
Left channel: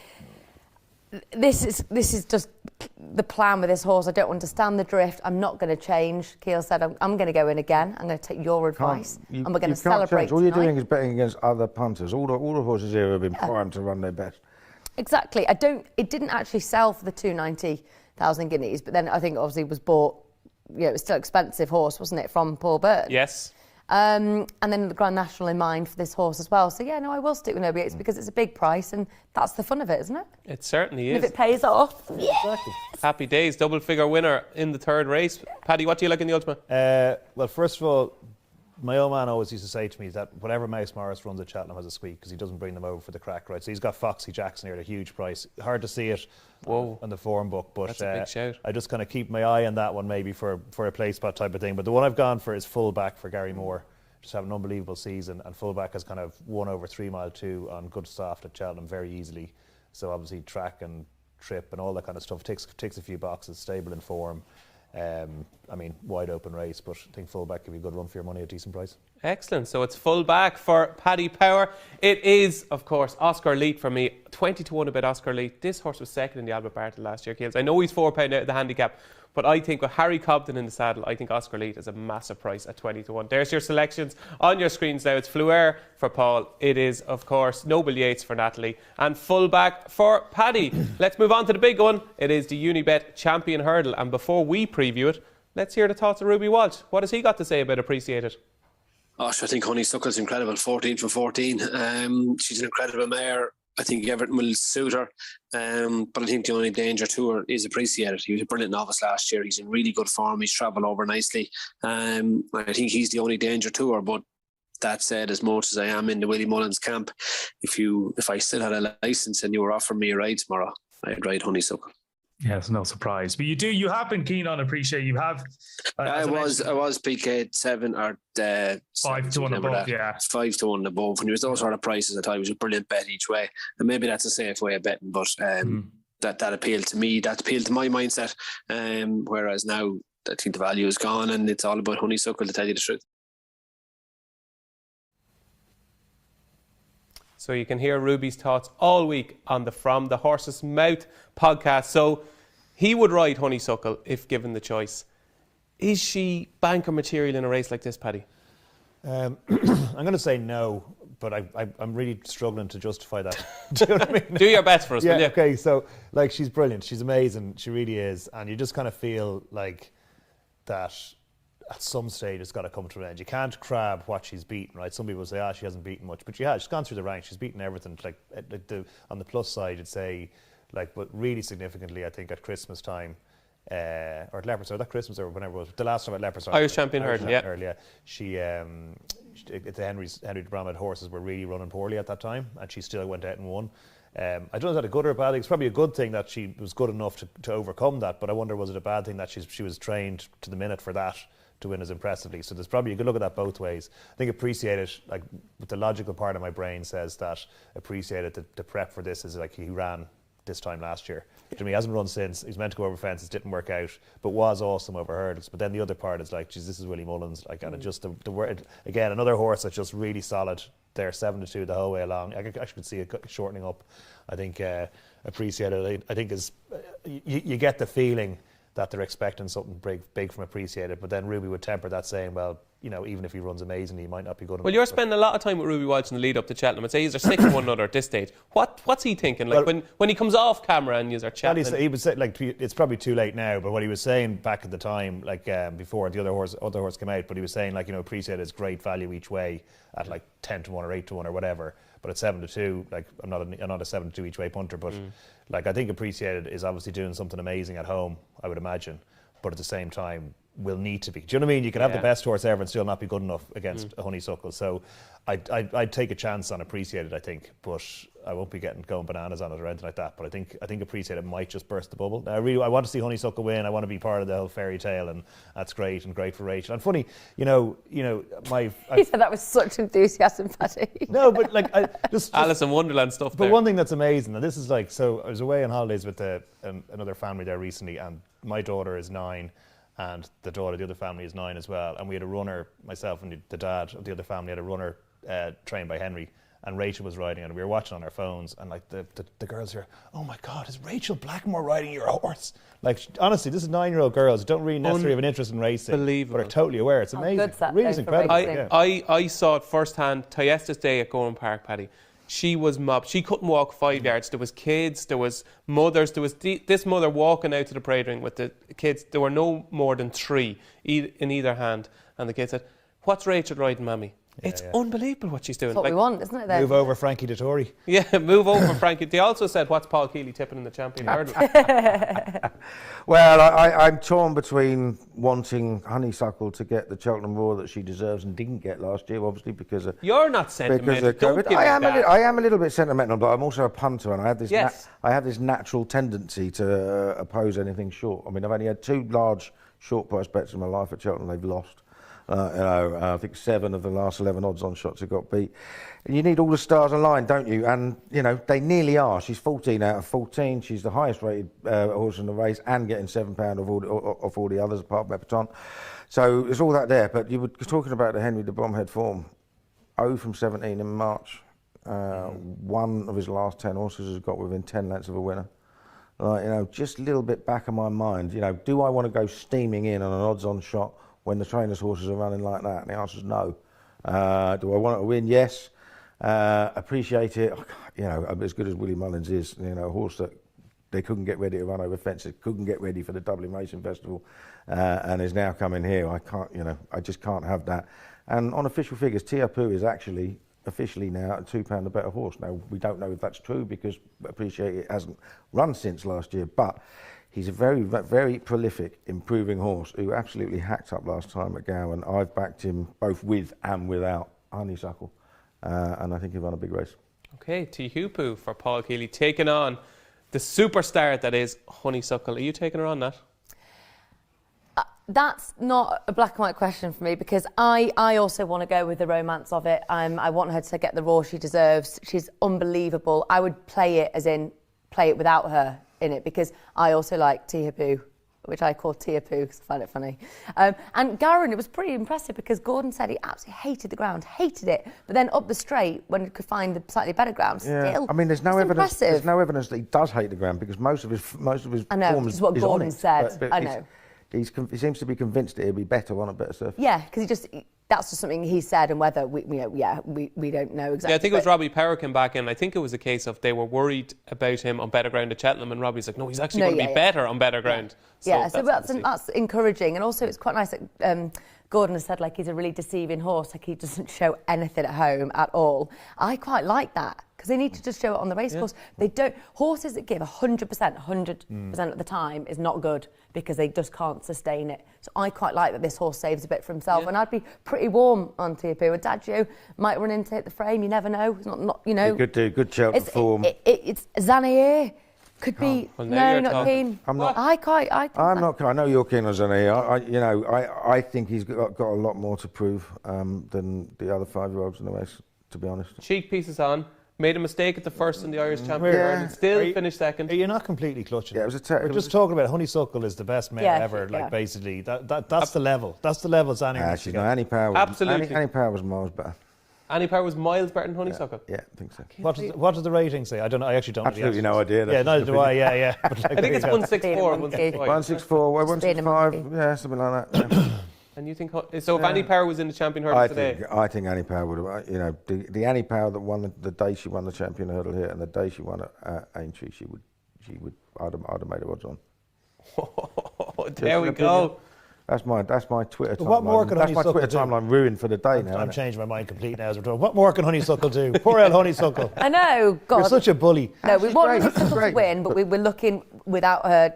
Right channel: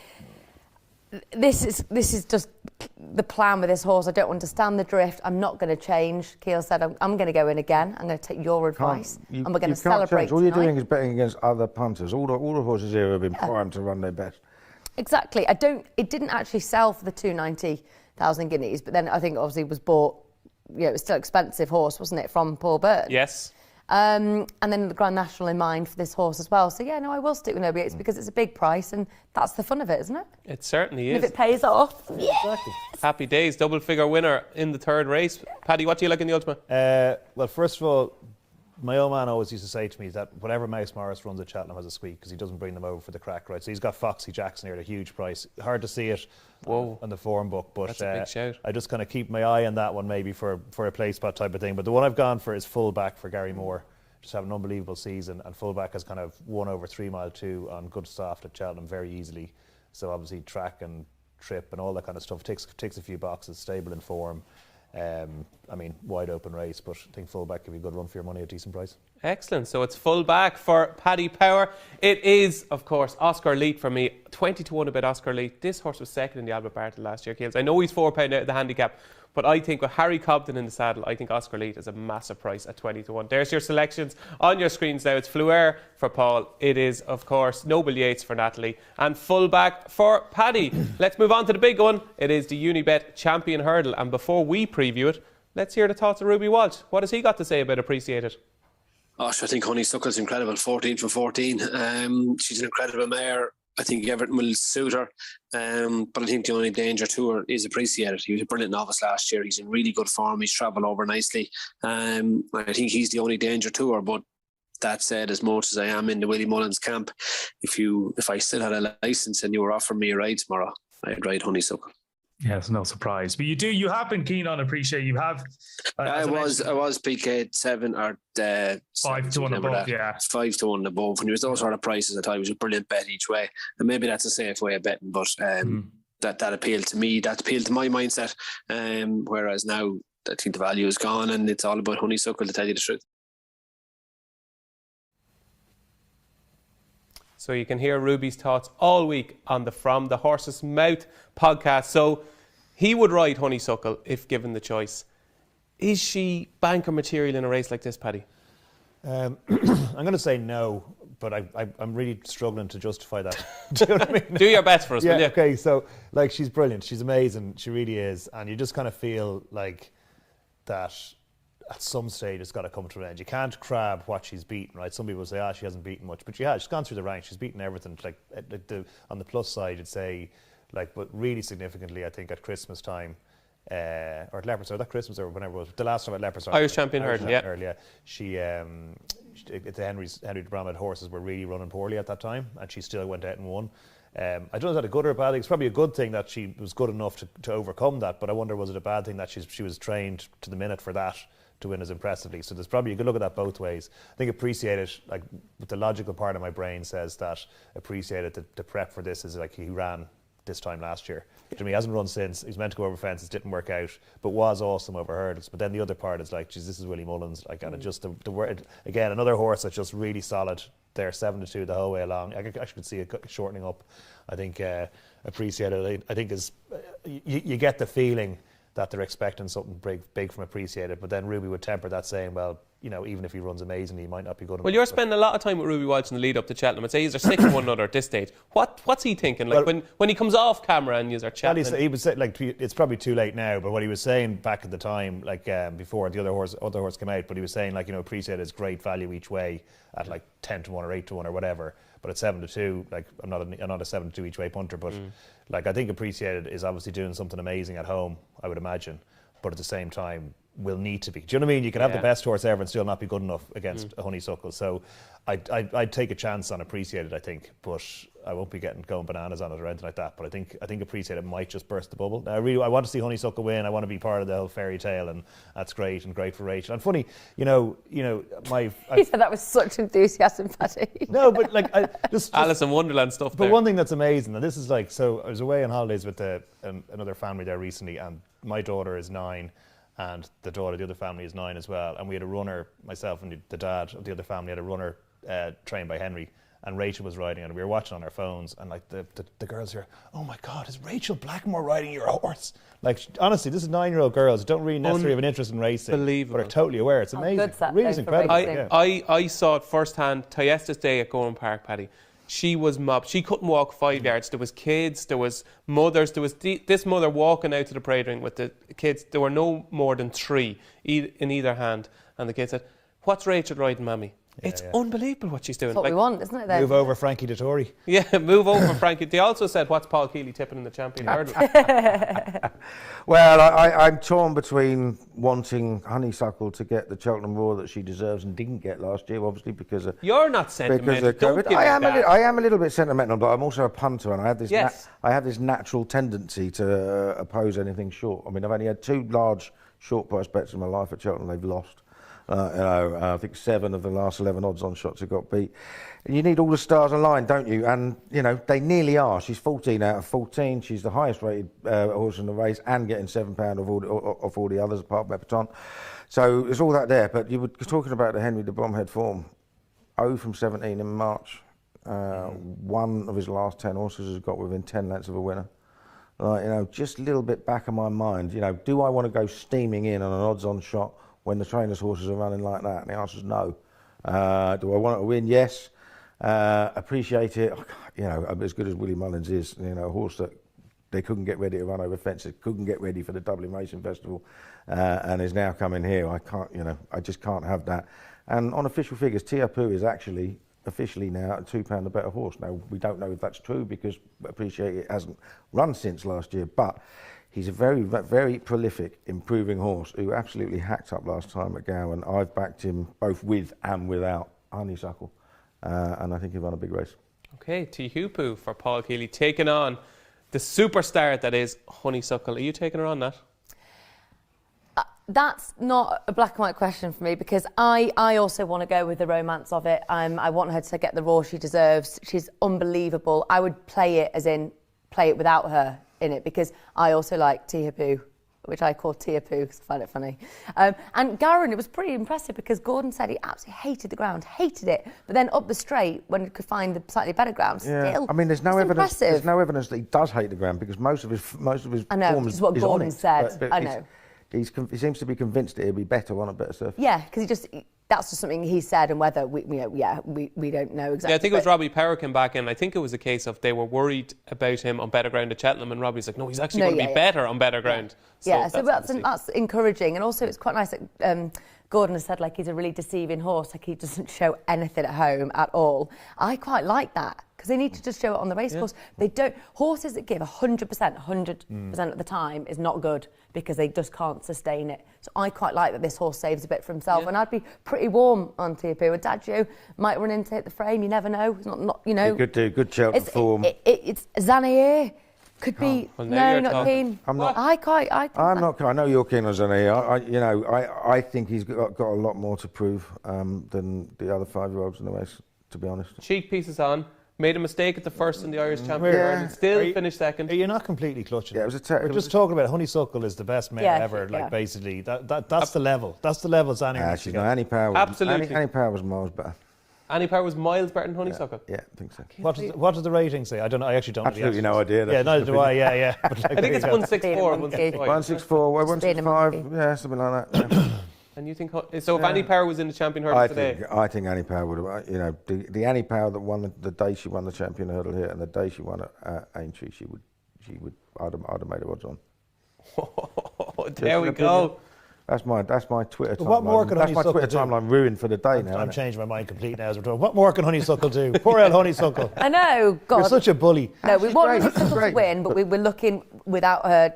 this is just the plan with this horse. I don't understand the drift. I'm not going to change. Kealy said, I'm going to go in again. I'm going to take your advice. And we're going to celebrate All you're tonight. doing is betting against other punters. All the horses here have been primed to run their best. Exactly. It didn't actually sell for the 290,000 guineas, but then I think obviously it was bought, it was still an expensive horse, wasn't it, from Paul Byrne? Yes. And then the Grand National in mind for this horse as well. So yeah, no, I will stick with Noble Yates because it's a big price and that's the fun of it, isn't it? It certainly And is. if it pays off, yes. Happy days, double figure winner in the third race. Paddy, what do you like in the Ultimate? Well, first of all, my old man always used to say to me that whatever Mouse Morris runs at Cheltenham has a squeak because he doesn't bring them over for the crack, right? So he's got Foxy Jackson here at a huge price. Hard to see it on the form book, but That's a big shout. I just kind of keep my eye on that one maybe for a play spot type of thing. But the one I've gone for is fullback for Gary Moore. Just have an unbelievable season, and fullback has kind of won over 3 Mile 2 on good soft at Cheltenham very easily. So obviously track and trip and all that kind of stuff ticks a few boxes, stable in form. I mean, wide open race, but I think fullback could be a good run for your money at a decent price. Excellent. So it's full back for Paddy Power. It is, of course, Oscar Leet for me. 20 to 1 about Oscar Leet. This horse was second in the Albert Barton last year, Kealy. I know he's £4 out of the handicap, but I think with Harry Cobden in the saddle, I think Oscar Leet is a massive price at 20 to 1. There's your selections on your screens now. It's Fleur for Paul. It is, of course, Noble Yates for Natalie and fullback for Paddy. Let's move on to the big one. It is the Uni Bet Champion Hurdle. And before we preview it, let's hear the thoughts of Ruby Walsh. What has he got to say about Appreciated? Gosh, I think Honeysuckle's incredible. 14 for 14. She's an incredible mare. I think Everton will suit her. But I think the only danger to her is Appreciated. He was a brilliant novice last year. He's in really good form. He's travelled over nicely. I think he's the only danger to her. But that said, as much as I am in the Willie Mullins camp, if I still had a licence and you were offering me a ride tomorrow, I'd ride Honeysuckle. Yeah, it's no surprise. But you have been keen on Appreciate. You have. I was PK 7 or 5 to 1 above. Yeah, 5 to 1 above. When he was those sort of prices, I thought it was a brilliant bet each way. And maybe that's a safe way of betting, but that appealed to me. That appealed to my mindset. Whereas now, I think the value is gone, and it's all about Honeysuckle, to tell you the truth. So you can hear Ruby's thoughts all week on the From the Horse's Mouth podcast. So he would ride Honeysuckle if given the choice. Is she banker material in a race like this, Paddy? I'm going to say no, but I'm really struggling to justify that. Do you know what I mean? Do your best for us, will you? Okay, so like she's brilliant. She's amazing. She really is. And you just kind of feel like that at some stage it's got to come to an end. You can't crab what she's beaten, right? Some people say, she hasn't beaten much, but she has. She's gone through the ranks. She's beaten everything. Like on the plus side, you'd say, like, but really significantly, I think at Christmas time, or at Leopardstown, that Christmas or whenever it was, the last time at Leopardstown, Irish Champion Hurdle, yeah. She, the Henry de Bromhead horses were really running poorly at that time, and she still went out and won. I don't know if that's a good or a bad thing. It's probably a good thing that she was good enough to overcome that, but I wonder, was it a bad thing that she was trained to the minute for that to win as impressively? So there's probably, you could look at that both ways. I think Appreciated, like the logical part of my brain says that Appreciated, the prep for this is like he ran this time last year. He hasn't run since. He's meant to go over fences, didn't work out, but was awesome over hurdles. But then the other part is like, geez, this is Willie Mullins. Like, and it just the word again, another horse that's just really solid. They're 7 to 2 the whole way along. I actually could see it shortening up. I think Appreciated. I think is you get the feeling that they're expecting something big from Appreciated, but then Ruby would temper that, saying, well, you know, even if he runs amazingly, he might not be good enough. Well, you're spending a lot of time with Ruby Walsh in the lead up to Cheltenham. I'd say they're snicking one another at this stage. What's he thinking? Like, well, when he comes off camera and you're chatting, he would say, like, it's probably too late now, but what he was saying back at the time, like before the other horse came out, but he was saying, like, you know, Appreciated is great value each way at like 10 to 1 or 8 to 1 or whatever, but at 7 to 2, like, I'm not a 7 to 2 each way punter, but like, I think Appreciated is obviously doing something amazing at home, I would imagine. But at the same time, will need to be. Do you know what I mean? You can have the best horse ever and still not be good enough against a Honeysuckle. So I'd take a chance on Appreciated, I think, but I won't be going bananas on it or anything like that. But I think Appreciated might just burst the bubble. I want to see Honeysuckle win. I want to be part of the whole fairy tale, and that's great for Rachel. And funny, you know, He said that with such enthusiasm, Paddy. No, but like just Alice in Wonderland stuff. But one thing that's amazing, and this is like, so I was away on holidays with another family there recently, and my daughter is 9. And the daughter of the other family is 9 as well. And we had a runner, myself and the dad of the other family had a runner trained by Henry. And Rachel was riding, and we were watching on our phones. And like the girls here, oh my God, is Rachel Blackmore riding your horse? Like, honestly, this is 9-year-old girls who don't really necessarily have an interest in racing, but are totally aware. It's amazing. Really, it's incredible. I saw it firsthand. Tyestis Day at Gorham Park, Paddy. She was mobbed. She couldn't walk 5 yards. There was kids, there was mothers, there was this mother walking out to the parade ring with the kids. There were no more than 3 in either hand. And the kid said, "What's Rachel riding, Mammy?" It's unbelievable what she's doing. That's what we want, isn't it? Then? Move over Frankie Dettori. Yeah, move over Frankie. They also said, "What's Paul Kealy tipping in the Champion Hurdle?" Well, I'm torn between wanting Honeysuckle to get the Cheltenham Roar that she deserves and didn't get last year, obviously because of You're not sentimental. I am a little bit sentimental, but I'm also a punter, and I have this natural tendency to oppose anything short. I mean, I've only had 2 large short price bets in my life at Cheltenham. They've lost. I think 7 of the last 11 odds-on shots have got beat. And you need all the stars aligned, don't you? And, you know, they nearly are. She's 14 out of 14. She's the highest-rated horse in the race and getting £7 off all the others, apart from Epatante. So there's all that there. But you were talking about the Henry de Bromhead form. 0 from 17 in March. 1 of his last 10 horses has got within 10 lengths of a winner. You know, just a little bit back of my mind. You know, do I want to go steaming in on an odds-on shot when the trainer's horses are running like that? And the answer is no. Do I want it to win? Yes. Appreciate it. You know, as good as Willie Mullins is, you know, a horse that they couldn't get ready to run over fences, couldn't get ready for the Dublin Racing Festival, and is now coming here. I just can't have that. And on official figures, Tiapu is actually officially now a £2 a better horse. Now, we don't know if that's true because Appreciate It hasn't run since last year, but he's a very, very prolific, improving horse who absolutely hacked up last time at Gowan. I've backed him both with and without Honeysuckle, and I think he'll run a big race. Okay, Tihupu for Paul Kealy, taking on the superstar that is Honeysuckle. Are you taking her on, Nat? That's not a black and white question for me because I also want to go with the romance of it. I want her to get the roar she deserves. She's unbelievable. I would play it as in play it without her in it because I also like Tiapu, which I call Tiapu because I find it funny. And Garin, it was pretty impressive because Gordon said he absolutely hated the ground, hated it, but then up the straight when he could find the slightly better ground, still. I mean, there's no evidence. Impressive. There's no evidence that he does hate the ground because most of his I know, form which is what is Gordon on it. said. But I know. He seems to be convinced that he'll be better on a better surface. Yeah, because that's just something he said, and whether we don't know exactly. Yeah, I think it was Robbie Power came back in. I think it was a case of they were worried about him on better ground at Cheltenham, and Robbie's like, no, he's actually going to be better on better ground. So that's encouraging, and also it's quite nice that Gordon has said like he's a really deceiving horse, like he doesn't show anything at home at all. I quite like that because they need to just show it on the racecourse. They don't. Horses that give 100% of the time is not good because they just can't sustain it. So I quite like that this horse saves a bit for himself, and I'd be pretty warm on Tiapu. Adagio might run into the frame. You never know. It's not you know. He could do good Cheltenham form. It's Zanier. Could be not keen. I'm not. I'm not. I know you're keen on Zanier. I think he's got a lot more to prove than the other 5-year-olds in the race. To be honest, cheek pieces on. Made a mistake at the first in the Irish Champion Hurdle. Still finished second. Are you not completely clutching? Yeah, it was We're just talking about Honeysuckle is the best mare ever. Like basically, that's the level. That's the level Zanier. Annie Power. Absolutely. Annie Power was miles better. Annie Power was miles better than Honeysuckle. Yeah, I think so. What does the rating say? I don't know. I actually don't. Absolutely no idea. Yeah, neither do I. Yeah. I think it's 164. 164. 165. Yeah, something like that. And you think so? If Annie Power was in the Champion Hurdle today, I think Annie Power would have. You know, the Annie Power that won the day she won the Champion Hurdle here and the day she won at Aintree, she would. I'd have made her odds on. There we go. That's my Twitter timeline. What more can That's my Honeysuckle Twitter do? timeline ruined for the day now. I'm changing my mind completely now as we're talking. What more can Honeysuckle do? Poor old Honeysuckle. I know. God. You're such a bully. No, we She's want great. Honeysuckle She's to great. win, but we were looking without her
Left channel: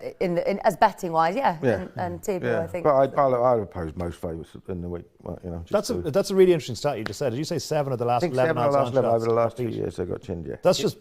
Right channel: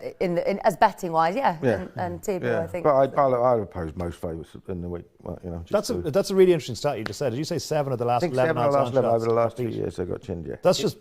as betting wise, and Tibu, I think. But I'd oppose most favourites in the week. Well, That's a really interesting stat you just said. Did you say 7 of the last 11 over the last 2 years they got chinned, yeah. That's just,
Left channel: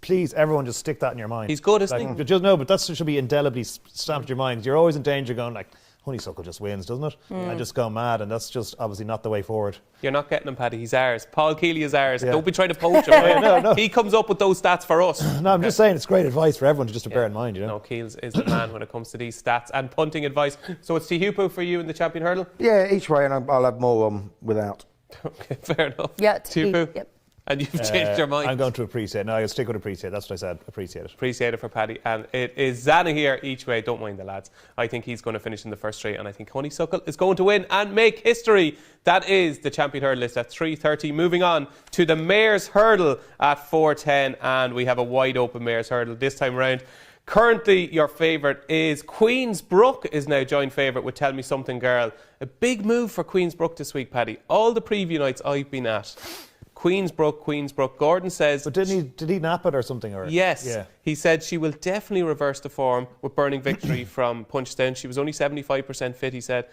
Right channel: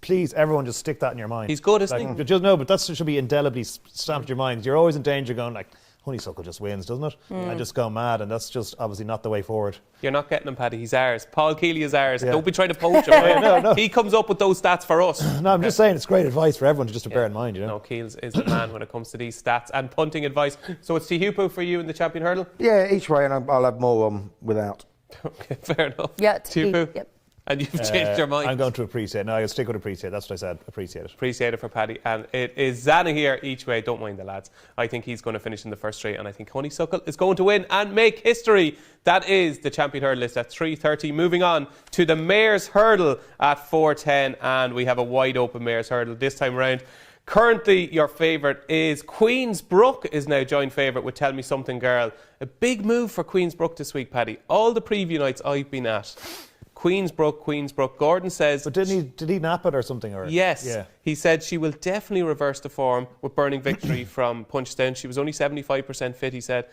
please, everyone just stick that in your mind. He's good, isn't he? Just, no, but that should be indelibly stamped in your mind. You're always in danger going like, Honeysuckle just wins, doesn't it? And just go mad, and that's just obviously not the way forward. You're not getting him, Paddy. He's ours. Paul Kealy is ours. Yeah. Don't be trying to poach him. No. He comes up with those stats for us. No, I'm just saying it's great advice for everyone to bear in mind, No, Keels is the man when it comes to these stats and punting advice. So it's Tihupu for you in the Champion Hurdle? Yeah, each way, and I'll have more without. Okay, fair enough. Yeah, Tihupu. Yep. And you've changed your mind. I'm going to appreciate. No, I'll stick with appreciate. That's what I said. Appreciate it. Appreciate it for Paddy. And it is Zana here each way. Don't mind the lads. I think he's going to finish in the first straight, and I think Honeysuckle is going to win and make history. That is the Champion Hurdle list at 3:30. Moving on to the Mayor's Hurdle at 4:10, and we have a wide open Mayor's Hurdle this time around. Currently, your favourite is Queensbrook is now joint favourite with Tell Me Something Girl. A big move for Queensbrook this week, Paddy. All the preview nights I've been at. Queensbrook. Gordon says... But did he nap it or something? Or yes. Yeah. He said she will definitely reverse the form with Burning Victory from Punchestown. She was only 75% fit, he said.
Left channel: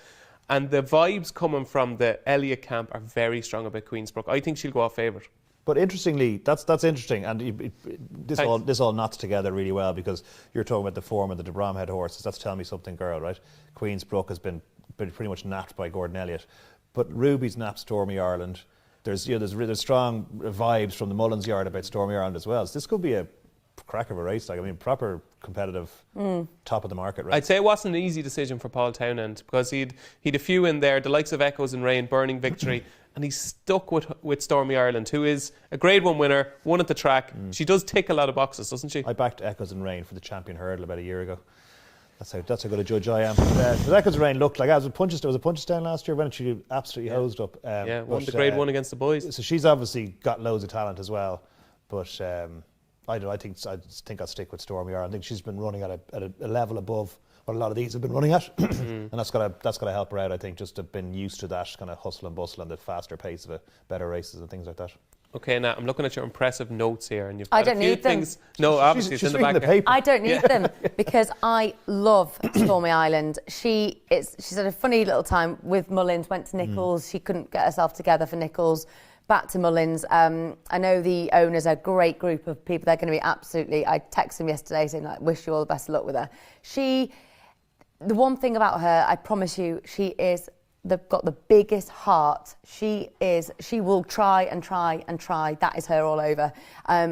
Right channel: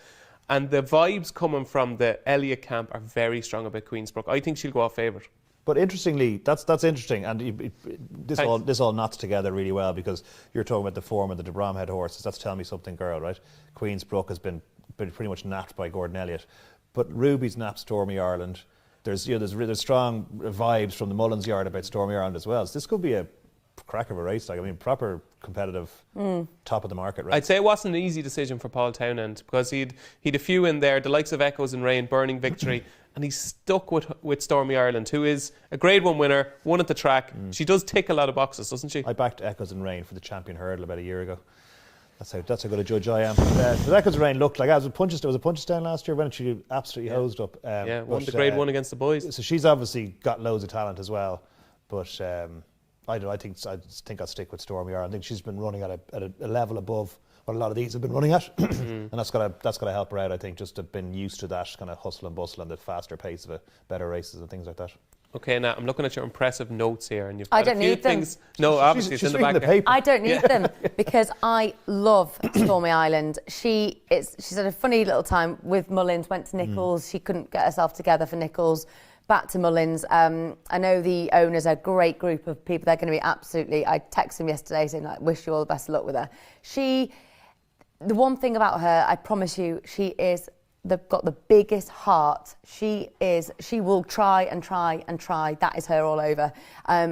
And the vibes coming from the Elliott camp are very strong about Queensbrook. I think she'll go off favourite. But interestingly, that's interesting, and this all knots together really well because you're talking about the form of the de Bromhead horses. That's Tell Me Something Girl, right? Queensbrook has been pretty much napped by Gordon Elliott, but Ruby's napped Stormy Ireland. There's strong vibes from the Mullins yard about Stormy Ireland as well. So this could be a crack of a race. Proper competitive top of the market, right? I'd say it wasn't an easy decision for Paul Townend because he'd a few in there, the likes of Echoes and Rain, Burning Victory, and he's stuck with Stormy Ireland, who is a Grade 1 winner, won at the track. She does tick a lot of boxes, doesn't she? I backed Echoes and Rain for the Champion Hurdle about a year ago. That's how good a judge I am. The Echoes and Rain looked like it was a Punchestown last year when she absolutely hosed up. Won the Grade 1 against the boys. So she's obviously got loads of talent as well, but I think I'll stick with Stormy Ireland. I think she's been running at a level above what a lot of these have been running at, and that's gotta help her out. I think just to have been used to that kind of hustle and bustle and the faster pace of it, better races and things like that. Okay, now I'm looking at your impressive notes here, and you've I got a don't few need them. things. No, obviously it's in the back. The paper. I don't need them because I love Stormy Island. She's had a funny little time with Mullins. Went to Nichols. She couldn't get herself together for Nichols. Back to Mullins. I know the owners are a great group of people. They're going to be absolutely... I texted them yesterday saying, wish you all the best of luck with her. The one thing about her, I promise you, they've got the biggest heart. She will try and try and try. That is her all over.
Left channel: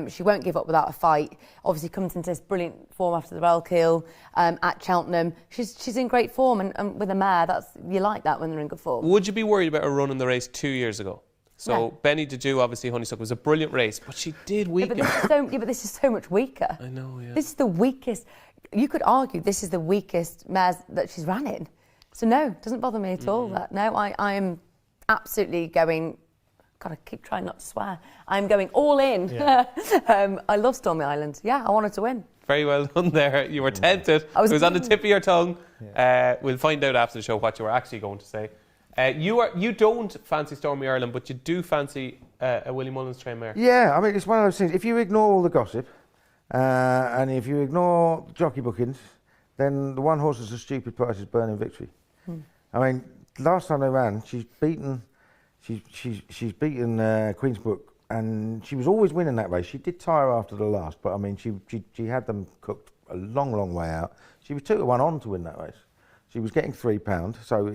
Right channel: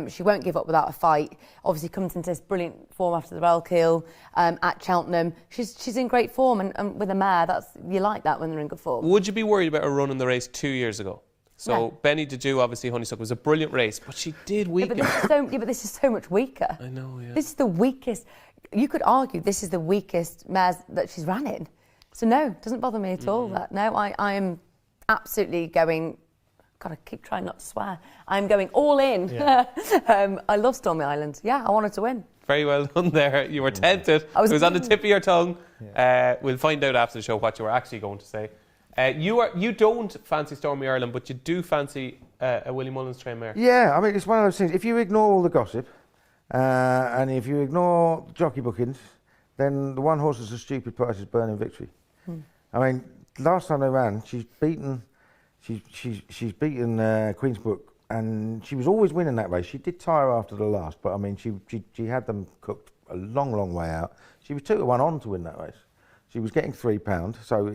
She won't give up without a fight. Obviously comes into this brilliant form after the Bellkill at Cheltenham. She's in great form, and with a mare, you like that when they're in good form. Would you be worried about her running the race 2 years ago? So Benny Deju, obviously Honeysuckle, was a brilliant race, but she did weaken. But this is so much weaker. I know, yeah. This is the weakest. You could argue this is the weakest mares that she's ran in. So no, it doesn't bother me at all. That no, I am absolutely going. God, I keep trying not to swear. I'm going all in. Yeah. I love Stormy Island. Yeah, I wanted to win. Very well done there. You were tempted. It was on the tip of your tongue. Yeah. We'll find out after the show what you were actually going to say. You don't fancy Stormy Ireland, but you do fancy a Willie Mullins trained mare. Yeah, I mean, it's one of those things. If you ignore all the gossip and if you ignore jockey bookings, then the one horse is a stupid price is Burning Victory. I mean, last time they ran, she's beaten Queensbrook, and she was always winning that race. She did tire after the last, but I mean, she had them cooked a long way out. She was 2-1 on to win that race. She was getting £3, so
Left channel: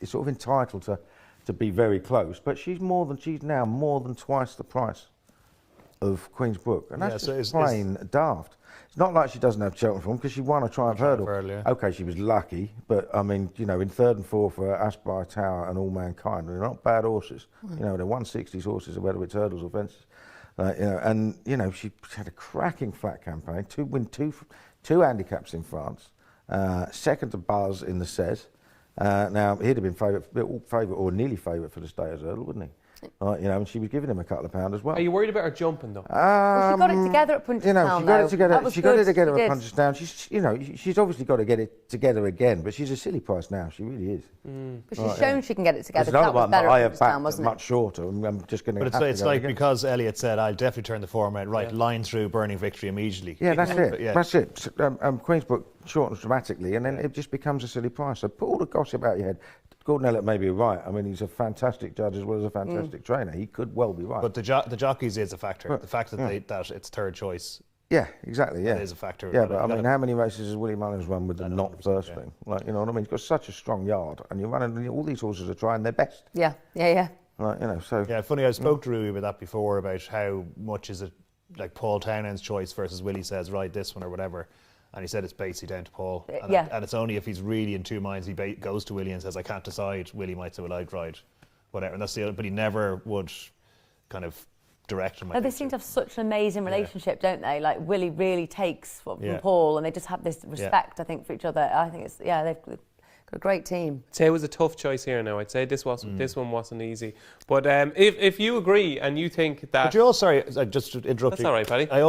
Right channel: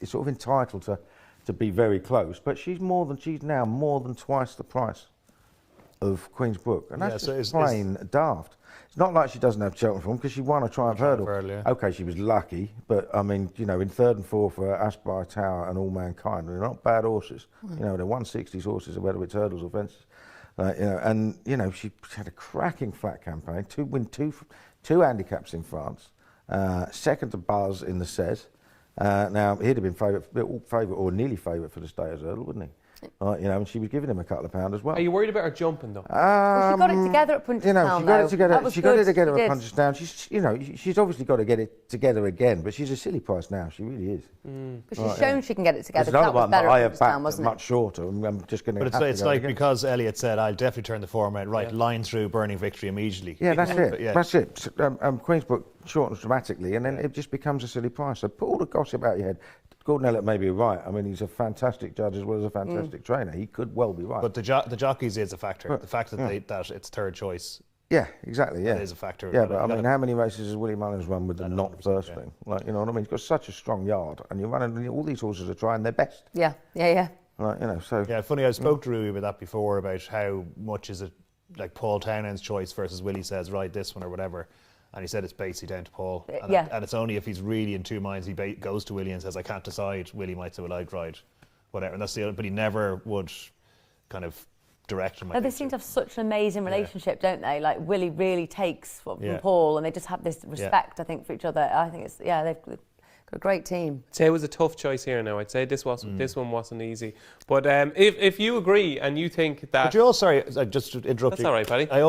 it's sort of entitled to be very close. But she's now more than twice the price of Queensbrook, and that's just plain daft. It's not like she doesn't have Cheltenham form because she won a Triumph Hurdle. Okay, she was lucky, but I mean, in 3rd and 4th for Aspire Tower and All Mankind, they're not bad horses. They're 160s horses, whether it's hurdles or fences. She had a cracking flat campaign. Win two handicaps in France. Second to Buzz in the set. Now he'd have been favourite or nearly favourite for the Stayers Hurdle, wouldn't he? And she was giving him a couple of pounds as well. Are you worried about her jumping though? Well, she got it together at Punchestown. She got it together. She got it together at did. Punchestown. She's obviously got to get it together again, but she's a silly price now. She really is. But she's shown she can get it together. There's another That was one better that I at have Punchestown, backed wasn't it? much shorter. I'm just going to. But it's like because Elliot said, I'll definitely turn the form around. Right, line through Burning Victory immediately. Yeah, that's it. Yeah. That's it. Queensbrook shortens dramatically, and then it just becomes a silly price. So put all the gossip out your head. Gordon Elliott may be right. I mean, he's a fantastic judge as well as a fantastic trainer. He could well be right. But the jockeys is a factor. The fact that that it's third choice. Yeah, exactly. Yeah, that is a factor. Yeah, but I mean, how many races has Willie Mullins run with the not first thing? Like, you know what I mean? He's got such a strong yard, and you're running. All these horses are trying their best. Yeah. Like, so yeah. Funny, I spoke to Rui about that before about how much is it like Paul Townend's choice versus Willie says right this one or whatever. And he said it's basically down to Paul. And it's only if he's really in two minds, he goes to Willie and says, I can't decide. Willie might say, well, I'd ride, whatever. And that's the other, but he never would kind of direct him. They seem to have such an amazing relationship, don't they? Like, Willie really takes from Paul, and they just have this respect, I think, for each other. I think they've got a great team. I'd say it was a tough choice here now. I'd say this one wasn't easy. But if you agree and you think that... But you're also, sorry, just to interrupt you. That's all right, Paddy. I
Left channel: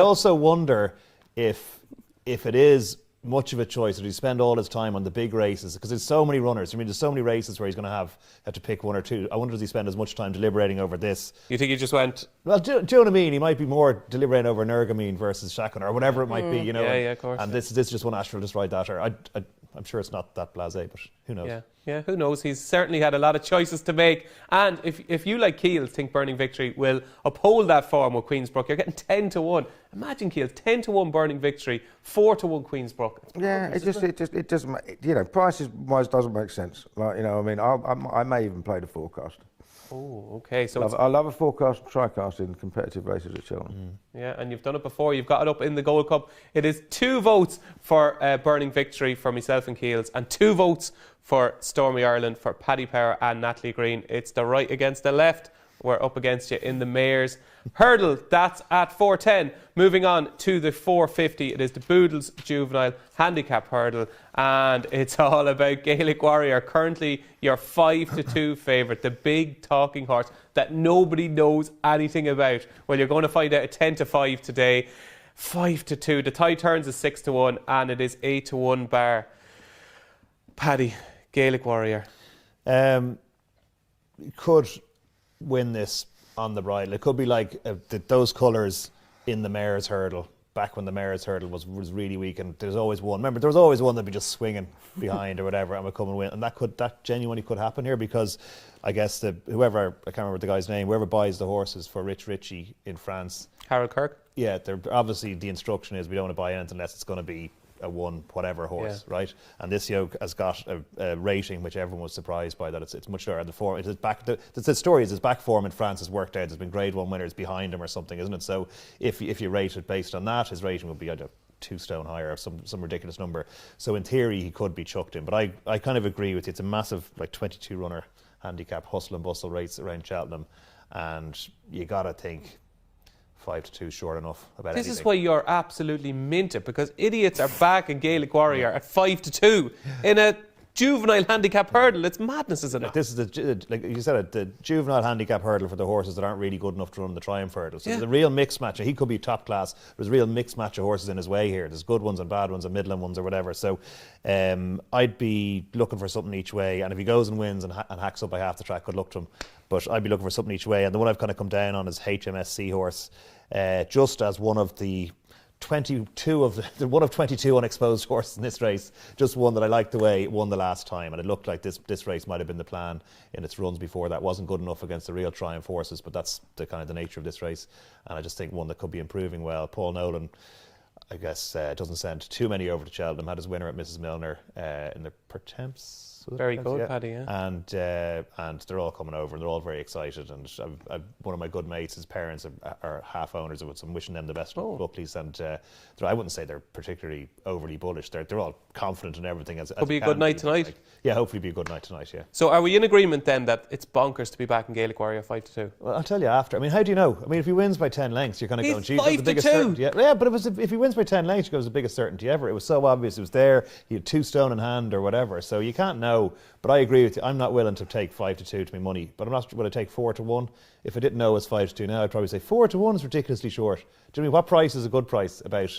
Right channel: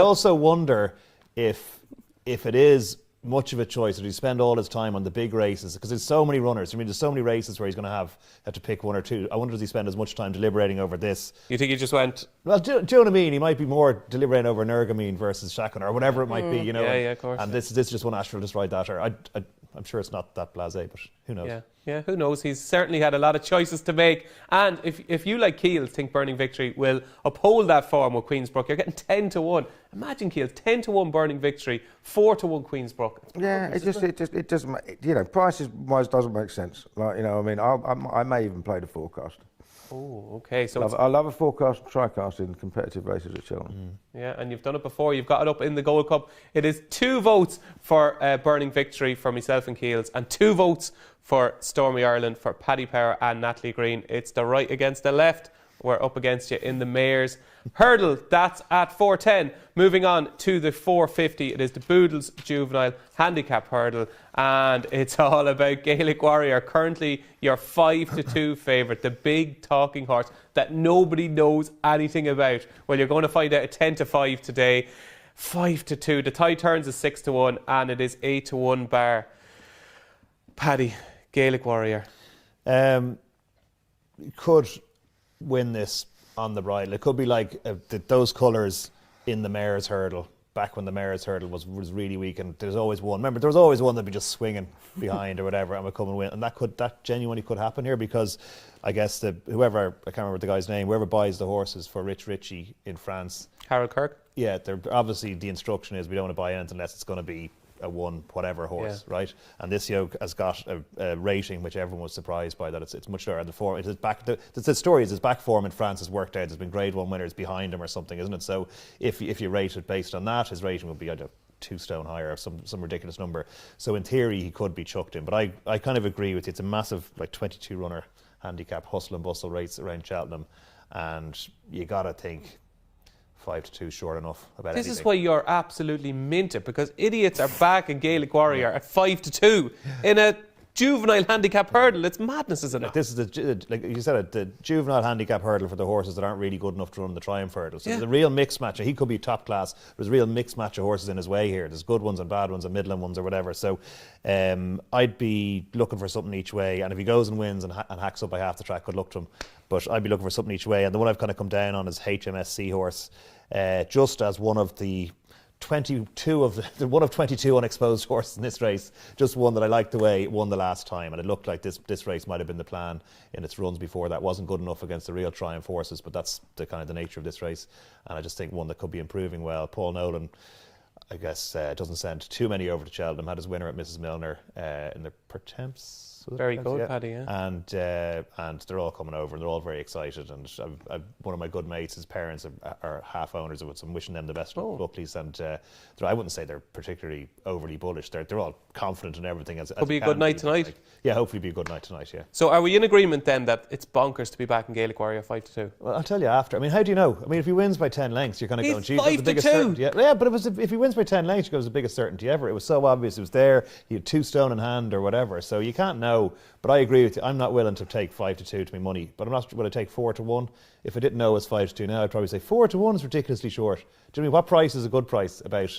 also wonder if it is much of a choice, that he spend all his time on the big races, because there's so many runners. I mean, there's so many races where he's going to have to pick one or two. I wonder, does he spend as much time deliberating over this? You think he just went... Well, do you know what I mean? He might be more deliberating over Nergamine versus Shakon or whatever it might be, you know. Yeah, of course. And this is just one Astral, just ride that. Or I'm sure it's not that blasé, but who knows? Yeah, who knows? He's certainly had a lot of choices to make. And if you, like Keels, think Burning Victory will uphold that form with Queensbrook, you're getting 10-1. Imagine Keels, 10-1 Burning Victory, 4-1 Queensbrook. Yeah, it doesn't, prices wise doesn't make sense. Like, I mean, I may even play the forecast. Oh, okay. So I love a forecast, tri-cast in competitive races at Cheltenham. Yeah, and you've done it before. You've got it up in the Gold Cup. It is 2 votes for Burning Victory for myself and Keels, and 2 votes for Stormy Ireland for Paddy Power and Natalie Green. It's the right against the left. We're up against you in the Mayor's Hurdle. That's at 4:10. Moving on to the 4:50. It is the Boodles Juvenile Handicap Hurdle, and it's all about Gaelic Warrior. Currently, your 5-2 favourite, the big talking horse that nobody knows anything about. Well, you're going to find out at 10-5 today. 5-2. The tide turns is 6-1, and it is 8-1 bar. Paddy, Gaelic Warrior. Could win this on the bridle. It could be like those colours in the Mayor's Hurdle, back when the Mayor's Hurdle was really weak, and there's always one. Remember, there was always one that'd be just swinging behind or whatever and would come and win. And that genuinely could happen here, because I guess whoever, I can't remember the guy's name, whoever buys the horses for Rich Ritchie in France. Harold Kirk? Yeah, obviously the instruction is we don't want to buy anything unless it's going to be a one whatever horse, right? And this yoke has got a rating which everyone was surprised by, that it's much lower. The form, it is back. The story is his back form in France has worked out. There's been Grade 1 winners behind him or something, isn't it? So if you rate it based on that, his rating would be, I don't know, 2 stone higher or some ridiculous number. So in theory he could be chucked in, but I kind of agree with you. It's a massive 22 runner handicap hustle and bustle race around Cheltenham, and you gotta think 5-2 short enough about This anything. is why you're absolutely minted, because idiots are back in Gaelic Warrior at 5-2 in a juvenile handicap hurdle. It's madness, isn't it? This is like you said, the juvenile handicap hurdle for the horses that aren't really good enough to run the Triumph Hurdle. So there's a real mixed match. He could be top class. There's a real mixed match of horses in his way here. There's good ones and bad ones and middling ones or whatever. So I'd be looking for something each way. And if he goes and wins and hacks up by half the track, good luck to him. But I'd be looking for something each way. And the one I've kind of come down on is HMS Seahorse, just as one of the 22 one of 22 unexposed horses in this race, just one that I liked the way it won the last time, and it looked like this race might have been the plan in its runs before. That wasn't good enough against the real Triumph horses, but that's the kind of the nature of this race, and I just think one that could be improving well. Paul Nolan, I guess, doesn't send too many over to Cheltenham. Had his winner at Mrs Milner in the Pertemps. Very good, Paddy, yeah. And they're all coming over, and they're all very excited. And one of my good mates, his parents are half owners of it, so I'm wishing them the best of luck, please. And I wouldn't say they're particularly overly bullish. They're all confident in everything. Could be a good night tonight. Yeah, hopefully be a good night tonight, yeah. So are we in agreement then that it's bonkers to be back in Gaelic Warrior 5-2? Well, I'll tell you after. I mean, how do you know? I mean, if he wins by 10 lengths, you're kind of going, geez, that's the biggest 5-2. Yeah, but if he wins by 10 lengths, it was the biggest certainty ever. It was so obvious. It was there. He had 2 stone in hand or whatever. So you can't know. But I agree with you. I'm not willing to take 5-2 to my money. But I'm not willing to take 4-1. If I didn't know it was 5-2 now, I'd probably say 4-1 is ridiculously short. Do you know what price is a good price about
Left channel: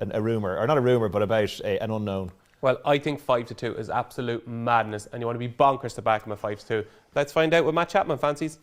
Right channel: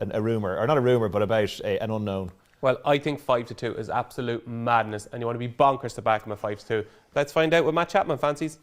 a rumour? Or not a rumour, but about an unknown? Well, I think 5-2 is absolute madness, and you want to be bonkers to back him at 5-2. Let's find out what Matt Chapman fancies.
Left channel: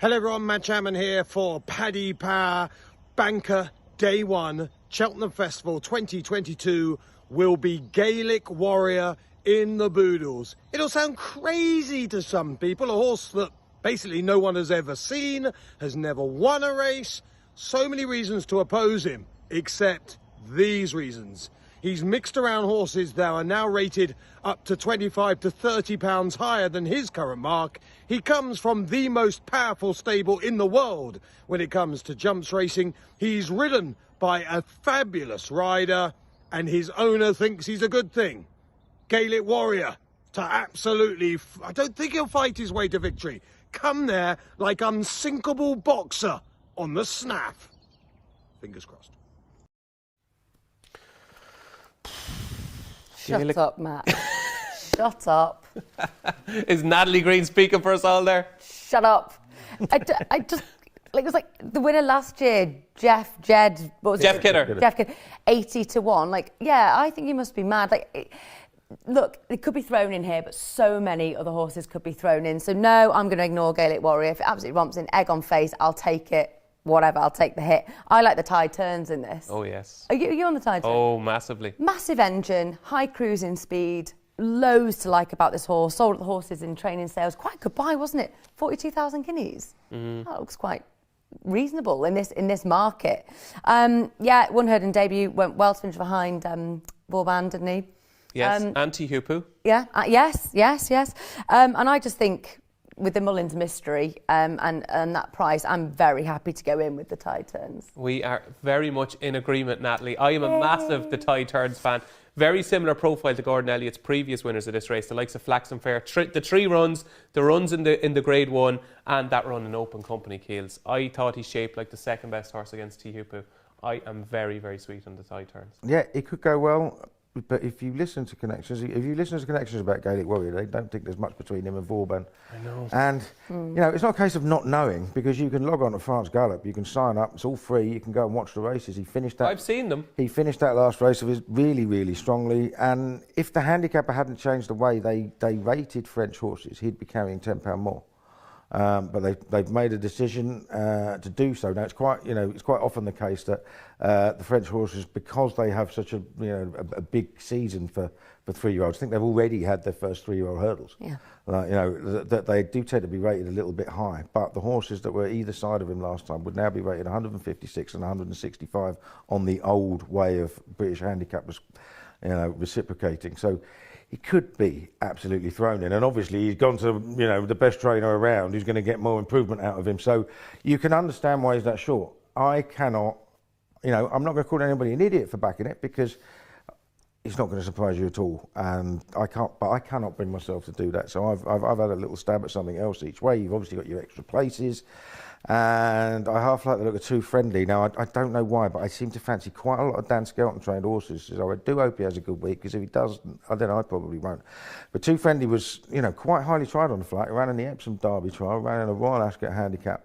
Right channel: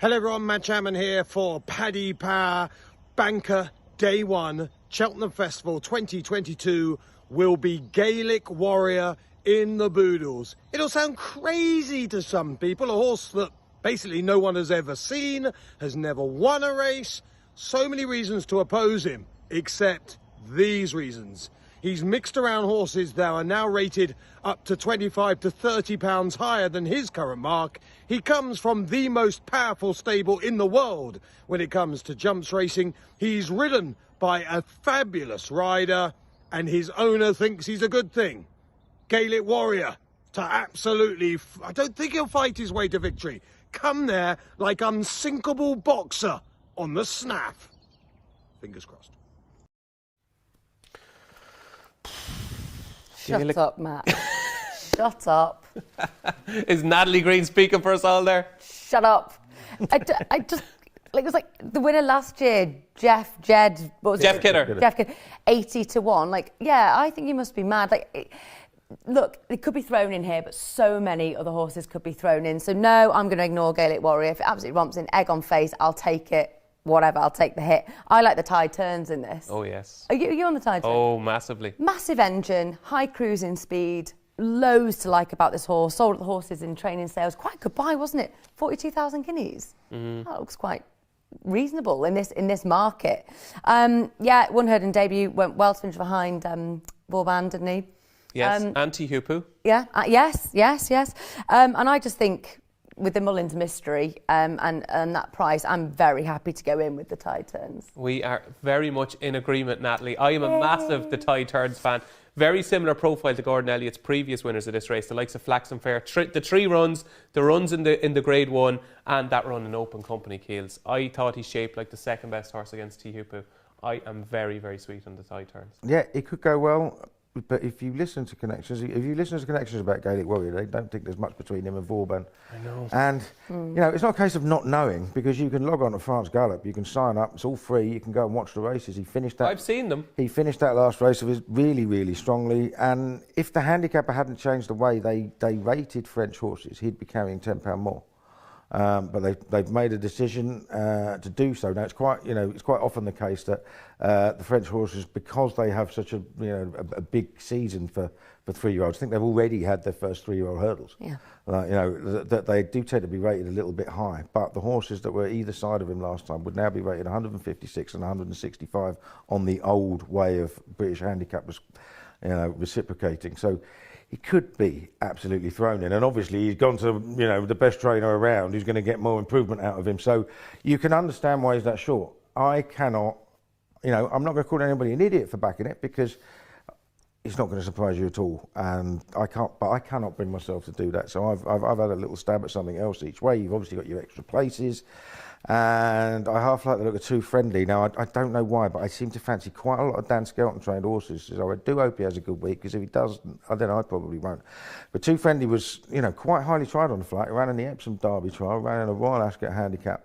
Hello everyone, Matt Chapman here for Paddy Power Banker Day 1 Cheltenham Festival 2022 will be Gaelic Warrior in the Boodles. It'll sound crazy to some people, a horse that basically no one has ever seen, has never won a race. So many reasons to oppose him, except these reasons. He's mixed around horses that are now rated up to 25 to 30 pounds higher than his current mark. He comes from the most powerful stable in the world when it comes to jumps racing. He's ridden by a fabulous rider, and his owner thinks he's a good thing. Gaelic Warrior to absolutely, I don't think he'll fight his way to victory. Come there like unsinkable boxer on the snaff. Fingers crossed. Shut up, Matt. Shut up. Is Natalie Green speaking for us all there? Shut up. I just, like, it was like the winner last year, Jeff Kidder. 80-1. Like, yeah, I think you must be mad. Like, look, it could be thrown in here, but so many other horses could be thrown in. So no, I'm going to ignore Gaelic Warrior. If it absolutely romps in, egg on face, I'll take it. Whatever, I'll take the hit. I like the tide turns in this. Oh, yes. Are you on the tide turn? Oh, massively. Massive engine, high cruising speed, loads to like about this horse. Sold the horses in training sales. Quite a good buy, wasn't it? 42,000 guineas. Mm-hmm. That looks quite reasonable in this market. Yeah, won Hurdle debut, went well to finish behind Vauban, didn't he? Yes, anti-Hupu. Yeah, yes. And I just think, with the Mullins mystery and that price, I'm very happy to go in with the tide turns. We are very much in agreement, Natalie. I am a massive The Tide Turns fan. Very similar profile to Gordon Elliott's previous winners of this race, the likes of Flax and Fair. The 3 runs, the runs in the Grade 1 and that run in Open Company Keels. I thought he shaped like the second best horse against T-Hupu. I am very, very sweet on the Tide Turns. Yeah, it could go well. But if you listen to connections about Gaelic Warrior, they don't think there's much between him and Vauban. I know. And, you know, it's not a case of not knowing, because you can log on to France Gallop, you can sign up, it's all free, you can go and watch the races. He finished that. I've seen them. He finished that last race of his really, really strongly. And if the handicapper hadn't changed the way they rated French horses, he'd be carrying £10 more. But they've made a decision to do so. Now it's quite often the case that the French horses, because they have such a big season for 3-year-olds, I think they've already had their first 3-year-old hurdles. Yeah. That they do tend to be rated a little bit high. But the horses that were either side of him last time would now be rated 156 and 165 on the old way of British handicap, reciprocating. So he could be absolutely thrown in, and obviously he's gone to the best trainer around who's going to get more improvement out of him. So you can understand why he's that short. I cannot, I'm not going to call anybody an idiot for backing it, because it's not going to surprise you at all, and I cannot bring myself to do that. So I've had a little stab at something else each way. You've obviously got your extra places. And I half like the look of Too Friendly. Now, I don't know why, but I seem to fancy quite a lot of Dan Skelton trained horses. So I do hope he has a good week, because if he doesn't, I probably won't. But Too Friendly was, quite highly tried on the flight. He ran in the Epsom Derby trial, ran in a Royal Ascot Handicap.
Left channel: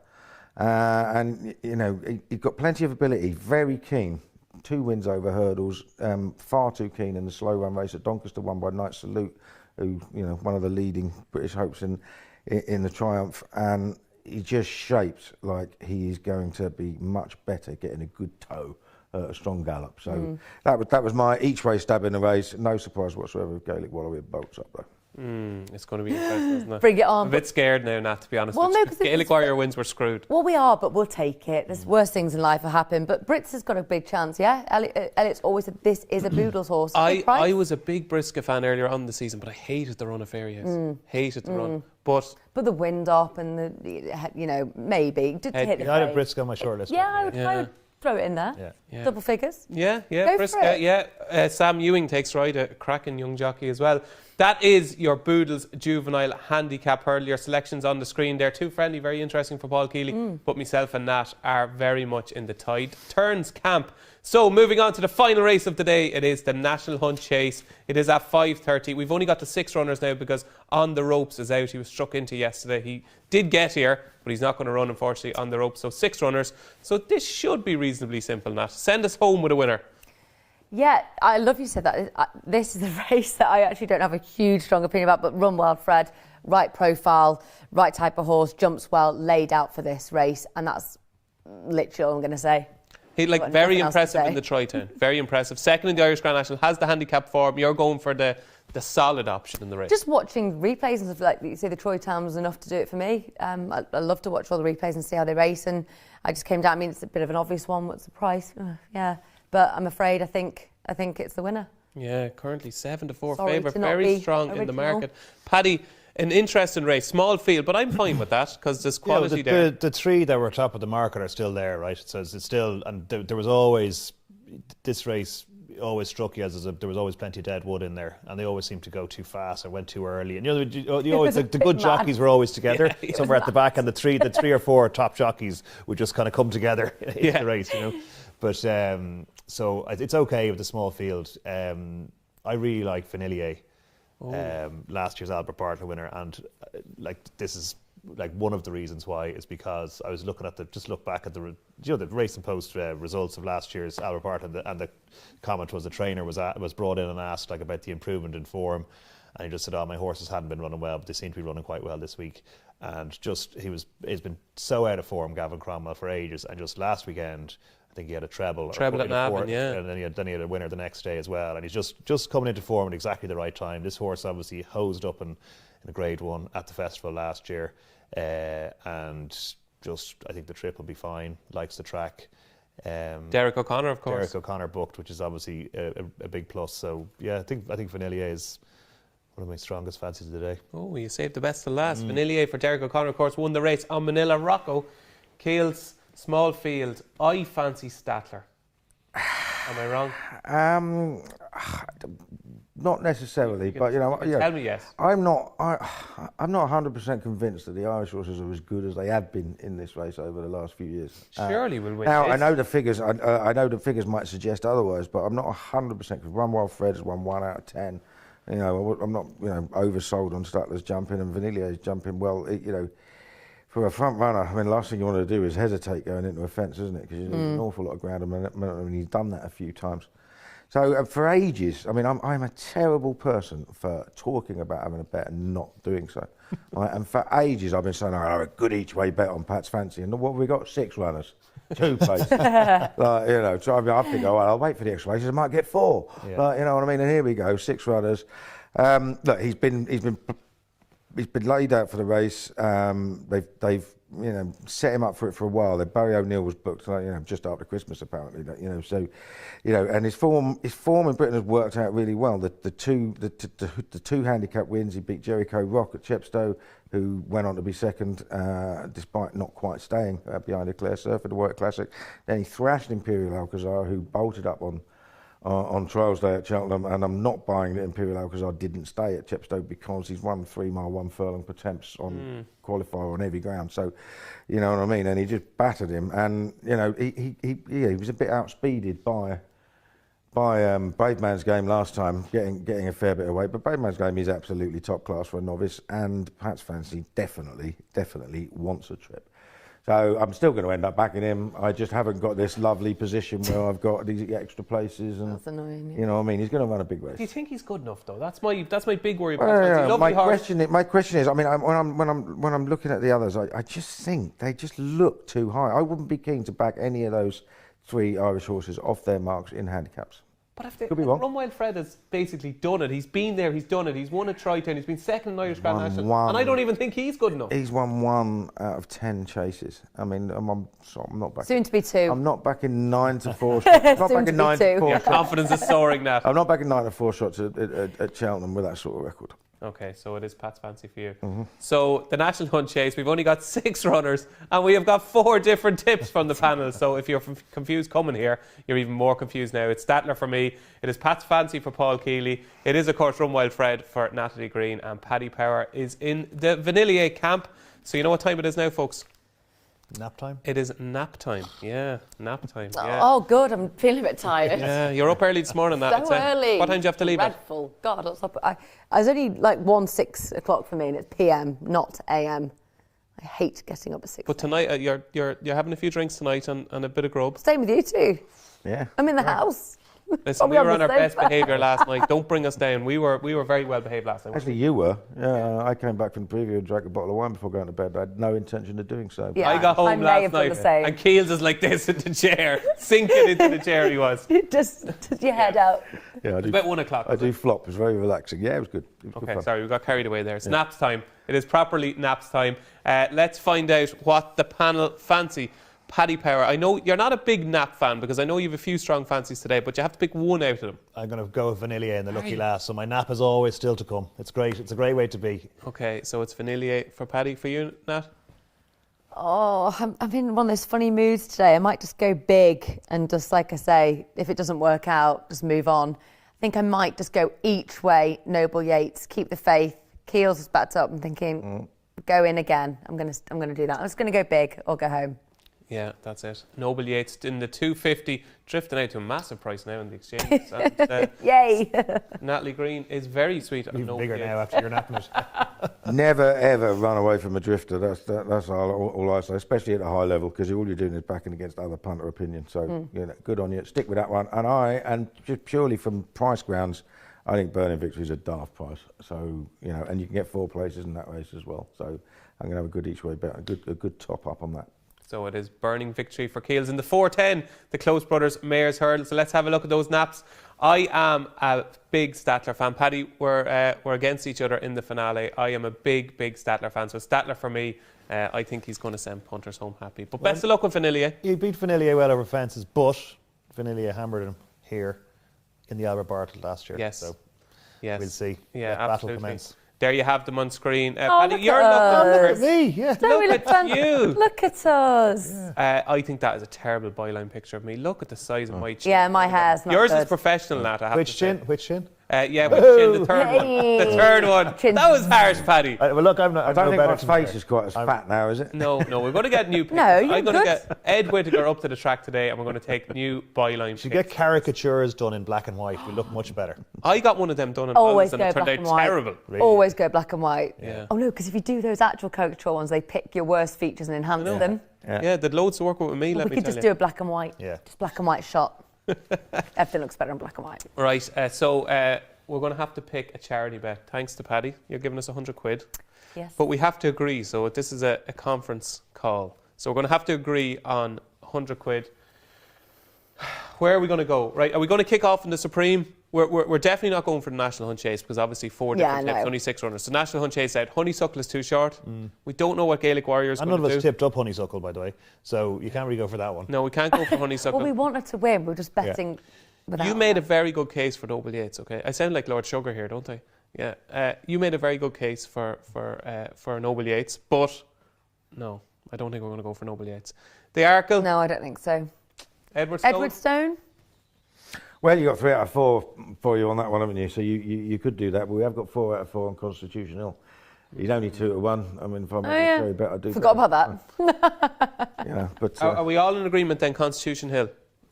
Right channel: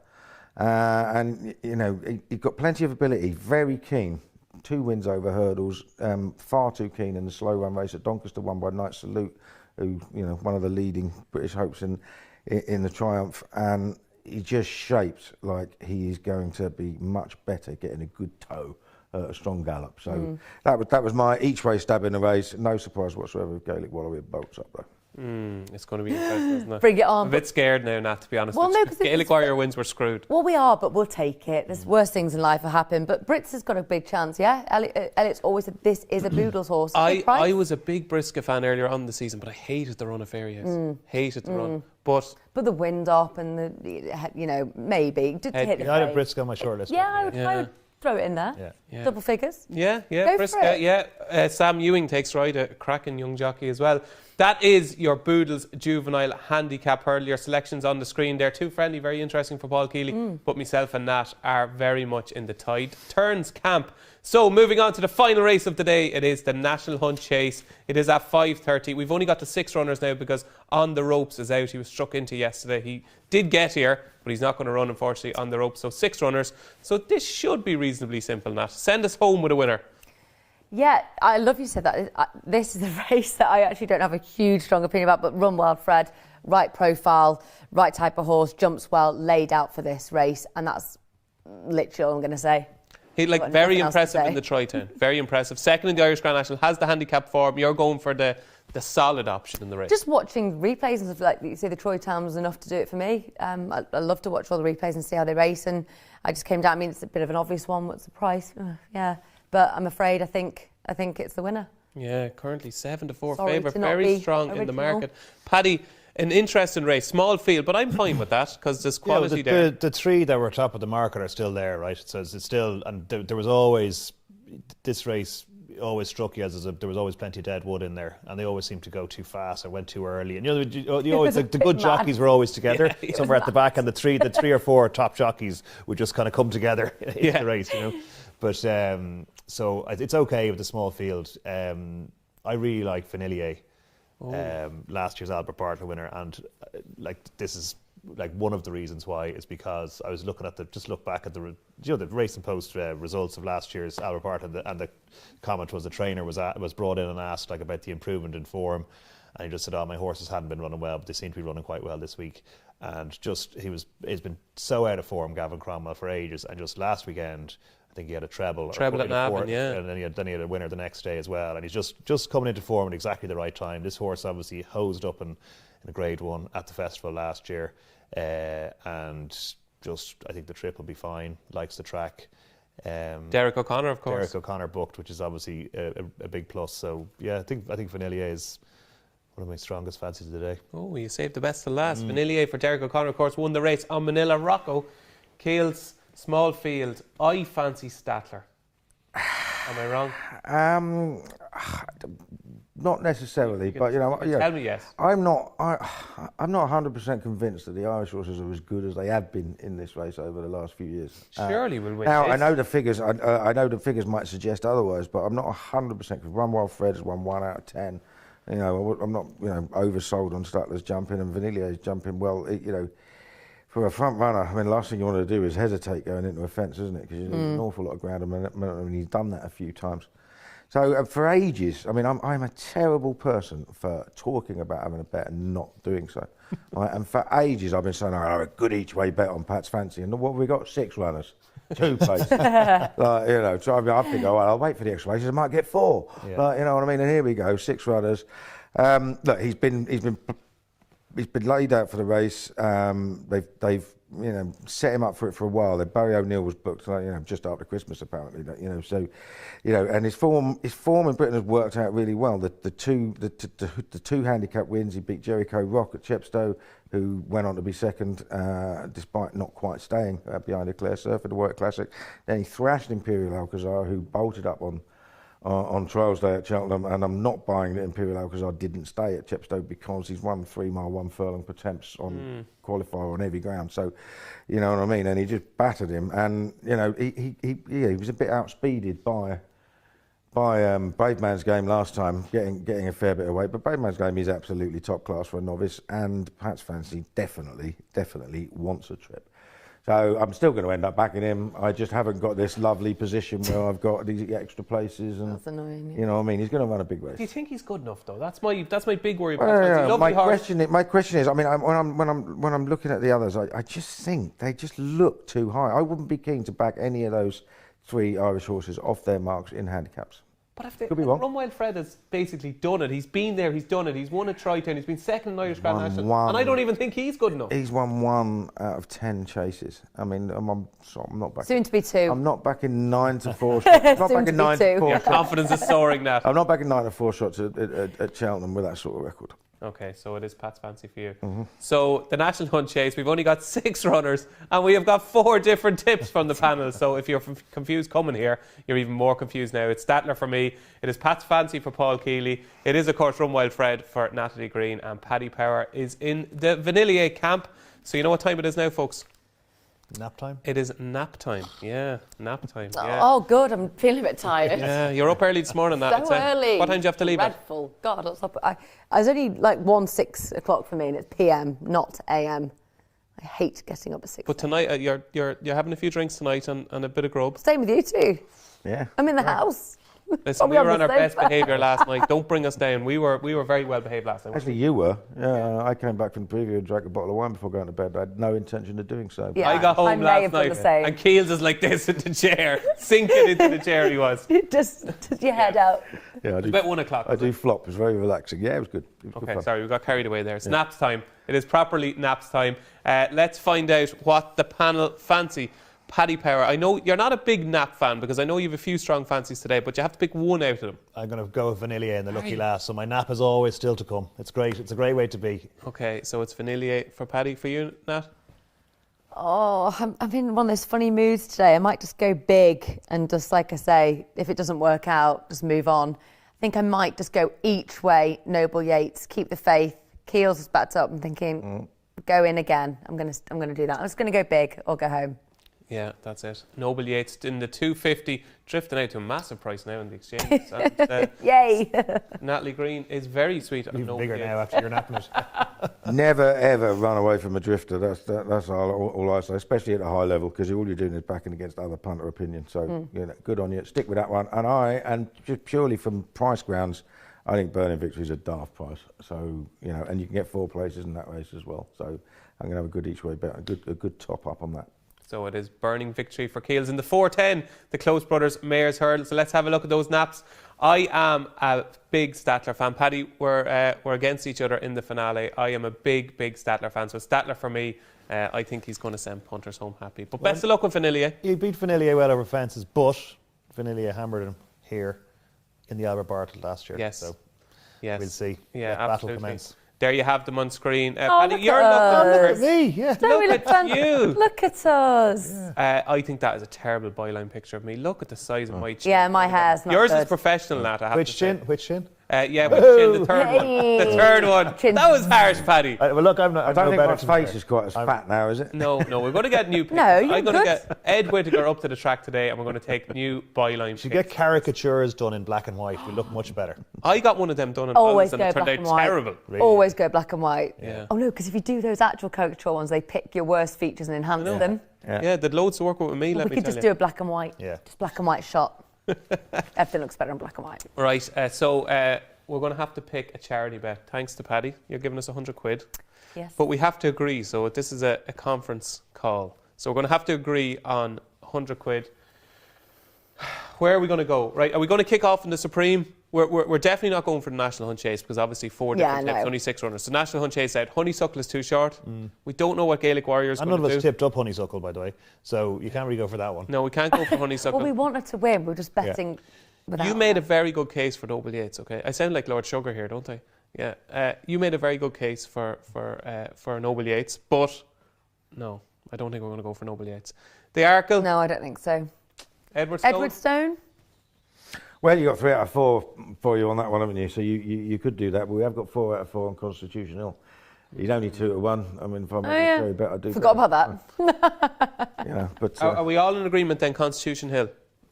And, he's got plenty of ability, very keen. 2 wins over hurdles, far too keen in the slow run race at Doncaster, won by Knight Salute, who, one of the leading British hopes in the Triumph. And he just shaped like he is going to be much better getting a good toe, a strong gallop. So that was my each way stab in the race. No surprise whatsoever if Gaelic Warrior bolts up though. It's going to be interesting, isn't it? Bring it on. I'm a bit scared now, Nat, to be honest. Well, no, Gaelic Warrior wins, we're screwed. Well, we are, but we'll take it. There's worse things in life that happen. But Brits has got a big chance, yeah? Elliott's always said this is a Boodles horse. I was a big Briscoe fan earlier on in the season, but I hated the run of Fairyhouse. Hated the run. But the wind up and maybe. Just hit I had Briscoe on my short list. Yeah, I would throw it in there. Yeah. Double figures. Yeah. Briscoe, Sam Ewing takes ride, a cracking young jockey as well. That is your Boodles Juvenile Handicap Hurdle. Your selections on the screen there. Too friendly, very interesting for Paul Kealy. But myself and Nat are very much in the tide turns camp. So moving on to the final race of the day, it is the National Hunt Chase. It is at 5:30. We've only got the 6 runners now because On the Ropes is out. He was struck into yesterday. He did get here, but he's not going to run, unfortunately, On the Ropes. So 6 runners. So this should be reasonably simple, Nat. Send us home with a winner. Yeah, I love you said that. This is a race that I actually don't have a huge strong opinion about, but Run Wild Fred, right profile, right type of horse, jumps well, laid out for this race, and that's literally all I'm going to say. He very impressive in the Tri-Town. Very impressive. Second in the Irish Grand National, has the handicap form. You're going for the solid option in the race. Just watching replays and stuff, like you say, the Tri-Town was enough to do it for me. I love to watch all the replays and see how they race, and I just came down. I mean, it's a bit of an obvious one. What's the price? Yeah, but I'm afraid I think it's the winner. Yeah, currently 7-4 Sorry favourite, to not very be strong in the original. market. Paddy, an interesting race, small field, but I'm fine with that because there's quality there. The 3 that were top of the market are still there, right? So it's still, and there was always, this race always struck you as there was always plenty of dead wood in there, and they always seemed to go too fast or went too early. And you always, the good jockeys were always together somewhere at the back, and the three or four top jockeys would just kind of come together in the race, you know. But so it's okay with the small field. I really like Vanillier. Last year's Albert Bartlett winner, and this is one of the reasons why is because I was looking at look back at the Racing Post results of last year's Albert Bartlett, and the comment was the trainer was brought in and asked about the improvement in form, and he just said, my horses hadn't been running well, but they seem to be running quite well this week. And he's been so out of form, Gavin Cromwell, for ages, and just last weekend I think he had a treble at Navan, yeah, and then he had a winner the next day as well, and he's just coming into form at exactly the right time. This horse obviously hosed up in a Grade 1 at the festival last year, and I think the trip will be fine. Likes the track. Derek O'Connor, of course. Derek O'Connor booked, which is obviously a big plus. So yeah, I think Vanillier is one of my strongest fancies of the day. Oh, you saved the best to last. Vanillier for Derek O'Connor, of course, won the race on Manila Rocco. Keels, small field. I fancy Statler. Am I wrong? Not necessarily, but tell me yes. I'm not 100% convinced that the Irish horses are as good as they have been in this race over the last few years. Surely we'll win. Now I know the figures. I know the figures might suggest otherwise, but I'm not 100% because Run Wild Fred has won 1 out of 10. I'm not oversold on Statler's jumping, and Vanillier's jumping well. For a front runner, I mean, the last thing you want to do is hesitate going into a fence, isn't it? Because there's an awful lot of ground, and he's done that a few times. So for ages, I mean, I'm a terrible person for talking about having a bet and not doing so. Right? And for ages, I've been saying, I have a good each way bet on Pat's Fancy. And what have we got? 6 runners, 2 places. So I think, I'll wait for the extra races. I might get 4. Yeah. You know what I mean? And here we go, 6 runners. Look, he's been laid out for the race. They've set him up for it for a while. Barry O'Neill was booked just after Christmas apparently. And his form in Britain has worked out really well. The two handicap wins, he beat Jericho Rock at Chepstow, who went on to be second despite not quite staying behind a Clare Surfer, the Warwick Classic. Then he thrashed Imperial Alcazar, who bolted up on trials day at Cheltenham, and I'm not buying that Imperial Alcazar didn't stay at Chepstow because he's run 3 mile 1 furlong per temps on qualifier on heavy ground. So, you know what I mean. And he just battered him, and he was a bit outspeeded by Brave Man's Game last time, getting a fair bit of weight. But Brave Man's Game is absolutely top class for a novice, and Pat's Fancy definitely wants a trip. So I'm still going to end up backing him. I just haven't got this lovely position where I've got these extra places, and that's annoying. You know what I mean? He's going to run a big race. Do you think he's good enough though? That's my big worry. My question is, I mean, when I'm looking at the others, I just think they just look too high. I wouldn't be keen to back any of those 3 Irish horses off their marks in handicaps. But Run Wild Fred has basically done it. He's been there, he's done it. He's won a Tri-Town, he's been second in Irish Grand National. And I don't even think he's good enough. He's won 1 out of 10 chases. I mean, I'm not backing. Soon to be 2. I'm not backing 9 to 4 shots. I'm not backing 9 to 4 Your shots. confidence is soaring now. I'm not backing 9 to 4 shots at Cheltenham with that sort of record. Okay, so it is Pat's fancy for you. So the National Hunt Chase, we've only got 6 runners and we have got 4 different tips from the panel. So if you're confused coming here, you're even more confused now. It's Statler for me. It is Pat's fancy for Paul Kealy. It is, of course, Run Wild Fred for Natalie Green, and Paddy Power is in the Vanillier camp. So you know what time it is now, folks? Nap time? It is nap time. Yeah, nap time. Yeah. Oh, good. I'm feeling a bit tired. Yeah, you're up early this morning. So early. What time do you have to leave at? Dreadful. God, I was up. I was only like 6 o'clock for me, and it's PM, not AM. I hate getting up at 6. But tonight, you're having a few drinks tonight and a bit of grub. Staying with you too. Yeah. I'm in the house. Listen, we were on our best behaviour last night. Don't bring us down. We were very well behaved last night. Actually, you were. Yeah, I came back from the preview and drank a bottle of wine before going to bed. I had no intention of doing so. Yeah, I got home last night and Keels Keels is like this in the chair, sinking into the chair he was. just your head out. Yeah, I do. About 1 o'clock. I do flop. It was very relaxing. Yeah, it was good. It was good Okay, fun. sorry, we got carried away there. It's naps time. It is properly naps time. Let's find out what the panel fancy. Paddy Power, I know you're not a big nap fan because I know you have a few strong fancies today, but you have to pick one out of them. I'm going to go with Vanillier and the Lucky Lass, so my nap is always still to come. It's great. It's a great way to be. Okay, so it's Vanillier for Paddy. For you, Nat? Oh, I'm in one of those funny moods today. I might just go big and just, like I say, if it doesn't work out, just move on. I think I might just go each way. Noble Yates, keep the faith. Keels is backed up. I'm thinking, go in again. I'm gonna do that. I'm just gonna go big or go home. Yeah, that's it. Noble Yates in the 250, drifting out to a massive price now in the exchange. And, Yay! Natalie Green is very sweet. Even bigger now after you're napping it. Never ever run away from a drifter. That's all I say, especially at a high level, because all you're doing is backing against other punter opinion. So you know, good on you. Stick with that one. And just purely from price grounds, I think Burning Victory is a daft price. So you know, and you can get 4 places in that race as well. So I'm going to have a good each way bet, a good top up on that. So it is Burning Victory for Keels. In the 410, the Close Brothers Mayor's Hurdle. So let's have a look at those naps. I am a big Statler fan. Paddy, we're against each other in the finale. I am a big Statler fan. So Statler for me, I think he's going to send punters home happy. But best of luck with Vanillier. He beat Vanillier well over fences, but Vanillier hammered him here in the Albert Bartlett last year. Yes. So yes. we'll see. Yeah, battle absolutely. commence. There you have them on screen. Look Paddy, you're at us. Me, yeah. Look at you. Look at us. I think that is a terrible byline picture of me. Look at the size of my chin. Yeah, my hair's not Yours good. is professional, Nat. I have Which to say. chin? Which chin? Yeah, which chin? The third one. The third one. Chin. That was harsh, Paddy. Well, look, I'm not. I don't think my face is quite as fat now, is it? No, we're going to get new pictures. No, you're I'm going to good. get Ed Whittaker up to the track today, and we're going to take new byline Should pictures. get caricatures done in black and white. We look much better. I got one of them done in Always Oz, and go it turned black out and white. terrible. Really? Always go black and white. Yeah. Oh no, because if you do those actual caricature ones, they pick your worst features and enhance them. Yeah, they'd loads to work with me, let We me could tell just you. do a black and white. Yeah. Just black and white shot. Everything looks better in black and white. Right, so we're going to have to pick a charity bet. Thanks to Paddy. You're giving us 100 quid. Yes. But we have to agree, so this is a conference call. So we're going to have to agree on 100 quid. Where are we going to go? Right, are we going to kick off in the Supreme? We're definitely not going for the National Hunt Chase because obviously 4 different tips, only 6 runners. So National Hunt Chase out. Honeysuckle is too short. We don't know what Gaelic Warriors And going none to of do. us tipped up Honeysuckle, by the way, so you can't really go for that one. No, we can't go for Honeysuckle. Well, we wanted to win. We're just betting. Without You made a very good case for Noble Yates, okay? I sound like Lord Sugar here, don't I? Yeah. You made a very good case for Noble Yates, but no, I don't think we're going to go for Noble Yates. The Arkle. No, I don't think so. Edward Stone. Edward Stone? Well, you got 3 out of 4 for you on that one, haven't you? So you could do that, but we have got 4 out of 4 on Constitution Hill. You'd only 2 to 1. I mean, if I'm very bet, I'd do Forgot better. about that. Yeah, but Are we all in agreement then, Constitution Hill?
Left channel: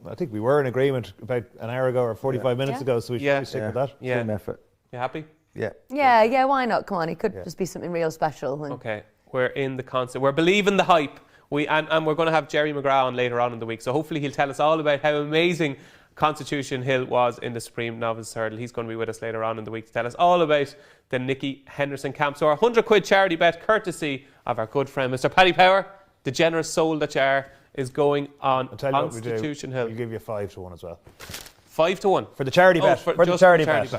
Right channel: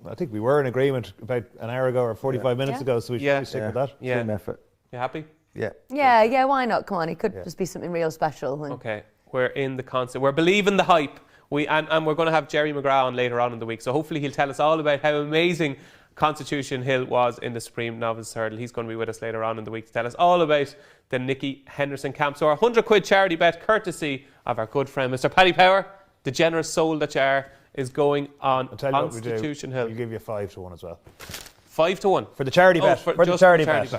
I think we were in agreement about an hour ago or 45 minutes ago, so we should stick with that. Yeah. team effort. You happy? Yeah. Yeah, why not? Come on, it could just be something real special. And Okay. We're in the concert. We're believing the hype. And we're going to have Jerry McGrath on later on in the week, so hopefully he'll tell us all about how amazing Constitution Hill was in the Supreme Novice Hurdle. He's going to be with us later on in the week to tell us all about the Nicky Henderson camp. So our 100 quid charity bet, courtesy of our good friend Mr. Paddy Power, the generous soul that you are, is going on I'll tell you what we do. Constitution Hill. We'll give you 5 to 1 as well. 5-1 for the charity bet. For the charity bet.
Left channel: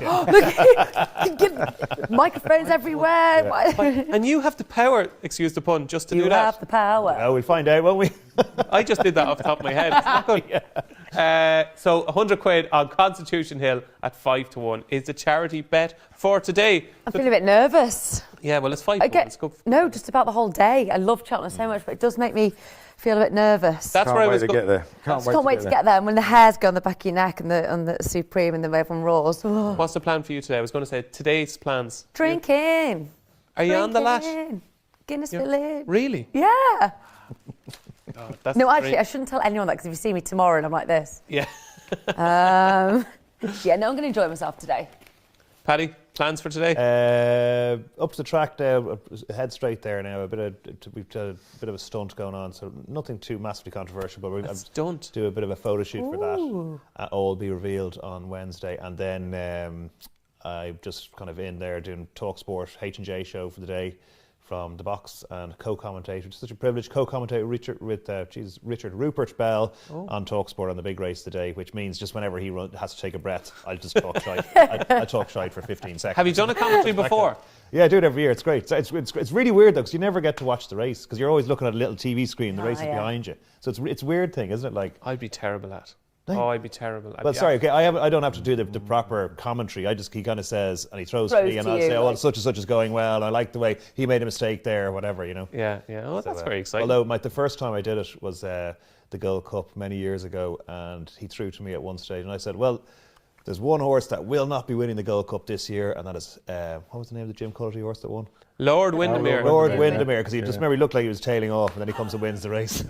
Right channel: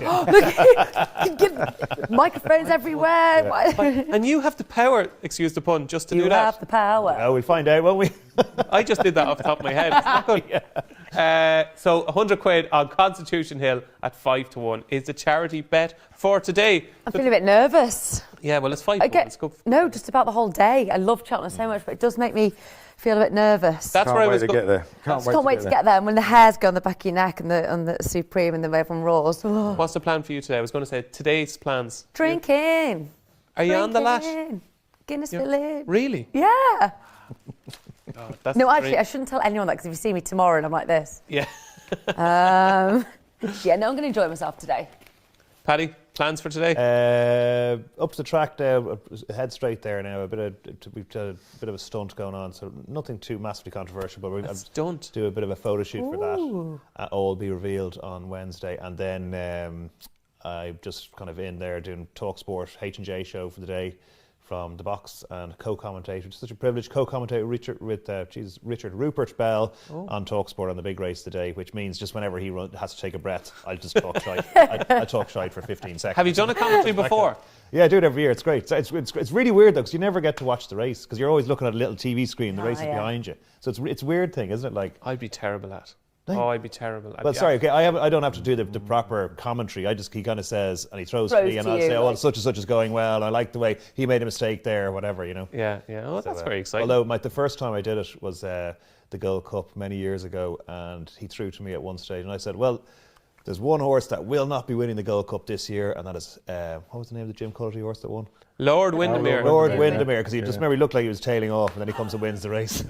Microphones everywhere. Yeah. And you have the power, excuse the pun, just to do that. You have the power. Well, we'll find out, won't we? I just did that off the top of my head. It's not good. So 100 quid on Constitution Hill at 5-1 is the charity bet for today. I'm feeling a bit nervous. Yeah, well, it's 5-1. Let's go. No, just about the whole day. I love Cheltenham so much, but it does make me feel a bit nervous. That's where I was get there. Can't wait to get there. And when the hairs go on the back of your neck and the Supreme and the everyone roars. Oh. What's the plan for you today? I was going to say today's plans. Drinking. Are you on the lash? Guinness Village. Really? Yeah. No, actually, I shouldn't tell anyone that because if you see me tomorrow and I'm like this. Yeah. Yeah, no, I'm going to enjoy myself today. Paddy, plans for today? Up the track there, head straight there now. We've a bit of a stunt going on, so nothing too massively controversial. But we'll stunt. Do a bit of a photo shoot for that. All will be revealed on Wednesday, and then I'm just kind of in there doing TalkSport H&J show for the day from the box and co-commentate, which is such a privilege. Co-commentate Richard Rupert Bell on TalkSport on the big race today, which means just whenever he has to take a breath, I'll just talk shite. I talk shite for 15 seconds. Have you done a commentary before? Yeah, I do it every year. It's great. It's really weird though, because you never get to watch the race because you're always looking at a little TV screen. The race is behind you, so it's a weird thing, isn't it? Like I'd be terrible at. Oh, I'd be terrible. I don't have to do the proper commentary. He kind of says, and he throws to me, and I'll say, oh, well, such and such is going well. I like the way he made a mistake there, or whatever, you know. Yeah. Oh, that's very exciting. Although the first time I did it was the Gold Cup many years ago, and he threw to me at one stage, and I said, well, there's one horse that will not be winning the Gold Cup this year, and that is, what was the name of the Jim Cuddy horse that won? Lord Windermere. Lord Windermere, because he just remember he looked like he was tailing off, and then he comes and wins the race.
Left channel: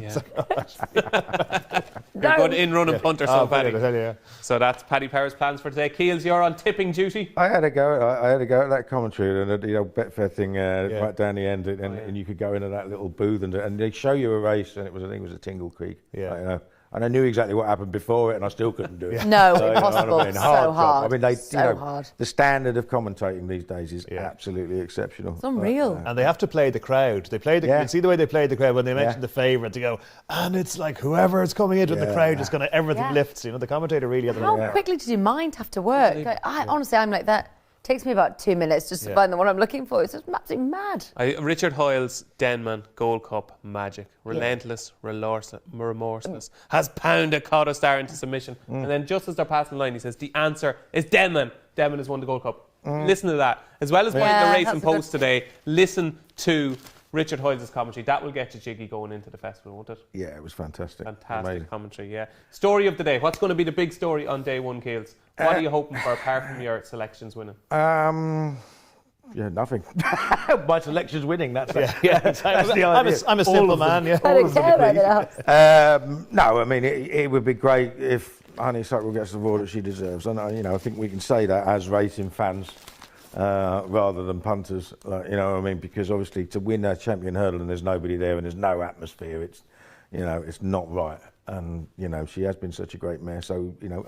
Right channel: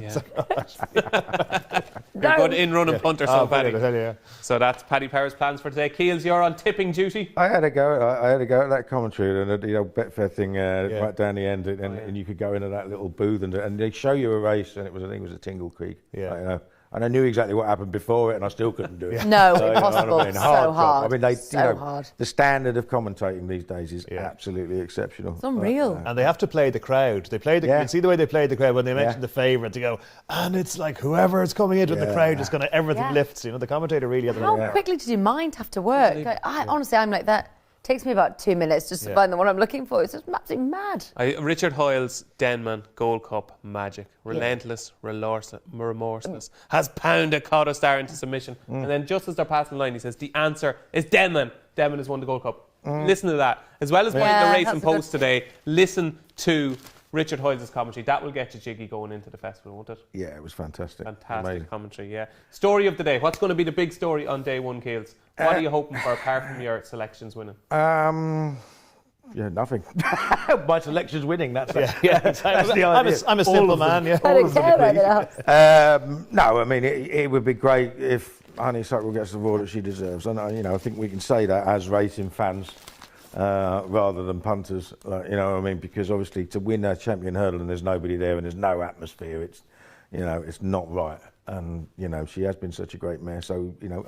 You're good in-run and punter, so Paddy. Yeah. So that's Paddy Power's plans for today. Keels, you're on tipping duty. I had to go at that commentary and Betfair thing right down the end, and you could go into that little booth and they show you a race, and I think it was at Tingle Creek. Yeah. And I knew exactly what happened before it, and I still couldn't do it. No, impossible. So hard. I mean, the standard of commentating these days is absolutely exceptional. It's unreal. And they have to play the crowd. They play you see the way they played the crowd when they mentioned the favourite. They go, and it's like whoever is coming into the crowd is going to everything lifts. You know, the commentator really. How quickly does your mind have to work? Honestly, I'm like that. Takes me about 2 minutes just to find the one I'm looking for. It's just absolutely mad. Richard Hoyle's Denman Gold Cup magic, relentless, remorseless, has pounded Cotta Star into submission, and then just as they're passing the line, he says the answer is Denman. Denman has won the Gold Cup. Listen to that, as well as playing the racing post today. Listen to Richard Hoyle's commentary. That will get you jiggy going into the festival, won't it? Yeah, it was fantastic. Fantastic commentary, yeah. Story of the day. What's going to be the big story on day one, Keels? What are you hoping for apart from your selections winning? Nothing. My selection's winning. That's the idea. I'm a simple man. Yeah. No, I mean it would be great if Honeysuckle gets the role that she deserves, and I think we can say that as racing fans. Rather than punters, you know what I mean? Because obviously to win a champion hurdle and there's nobody there and there's no atmosphere, it's not right. And she has been such a great mare. So even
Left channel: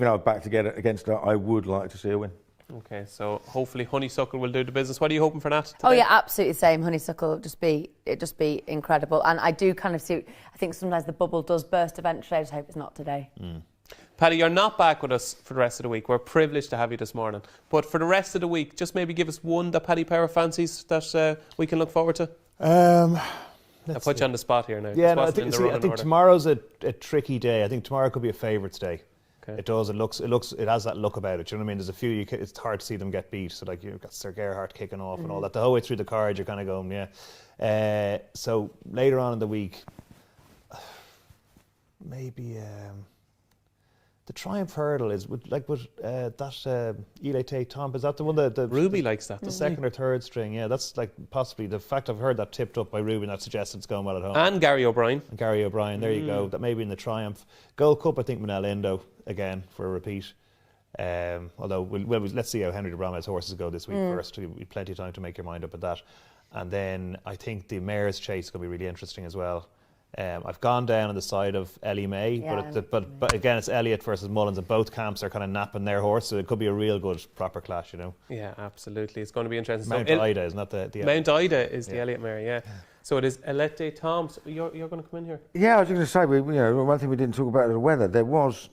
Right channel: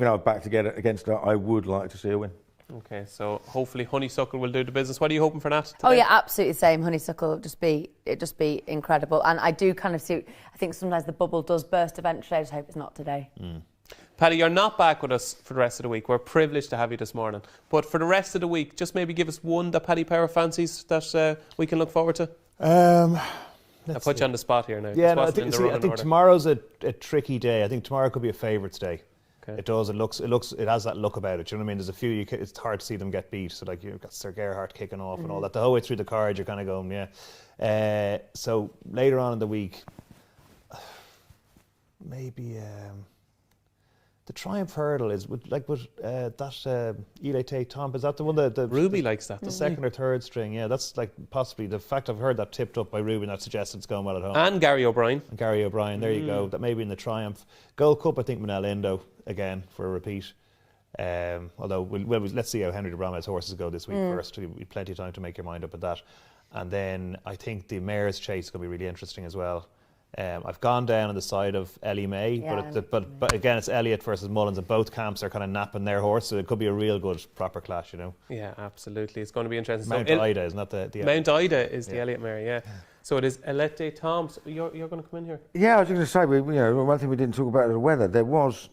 though I'm back against her, I would like to see her win. Okay, so hopefully Honeysuckle will do the business. What are you hoping for, Nat? Today? Oh yeah, absolutely the same. Honeysuckle will just be incredible. And I do kind of see. I think sometimes the bubble does burst eventually. I just hope it's not today. Paddy, you're not back with us for the rest of the week. We're privileged to have you this morning. But for the rest of the week, just maybe give us one that Paddy Power fancies that we can look forward to. I'll put you on the spot here now. Yeah, I think tomorrow's a tricky day. I think tomorrow could be a favourites day. Okay. It does. It has that look about it. You know what I mean? There's a few. It's hard to see them get beat. So you've got Sir Gerhardt kicking off and all that. The whole way through the card, you're kind of going, yeah. So later on in the week, maybe. The Triumph Hurdle is that Elite Tom. Is that the one that Ruby likes that? The second or third string, yeah. That's like possibly the fact I've heard that tipped up by Ruby, and that suggests it's going well at home. And Gary O'Brien. There you go. That maybe in the Triumph Gold Cup, I think Manel Indo again for a repeat. Although let's see how Henry de Bromhead's horses go this week first. You've plenty of time to make your mind up at that. And then I think the Mare's Chase is going to be really interesting as well. I've gone down on the side of Ellie May, but again, it's Elliott versus Mullins, and both camps are kind of napping their horse, so it could be a real good proper clash, Yeah, absolutely. It's going to be interesting. Mount Ida, isn't that the Mount Ida is the Elliott mare, yeah. So it is Elette de Tom. So you're going to come in here? Yeah, I was going to say, one thing we didn't talk about is the weather. There was,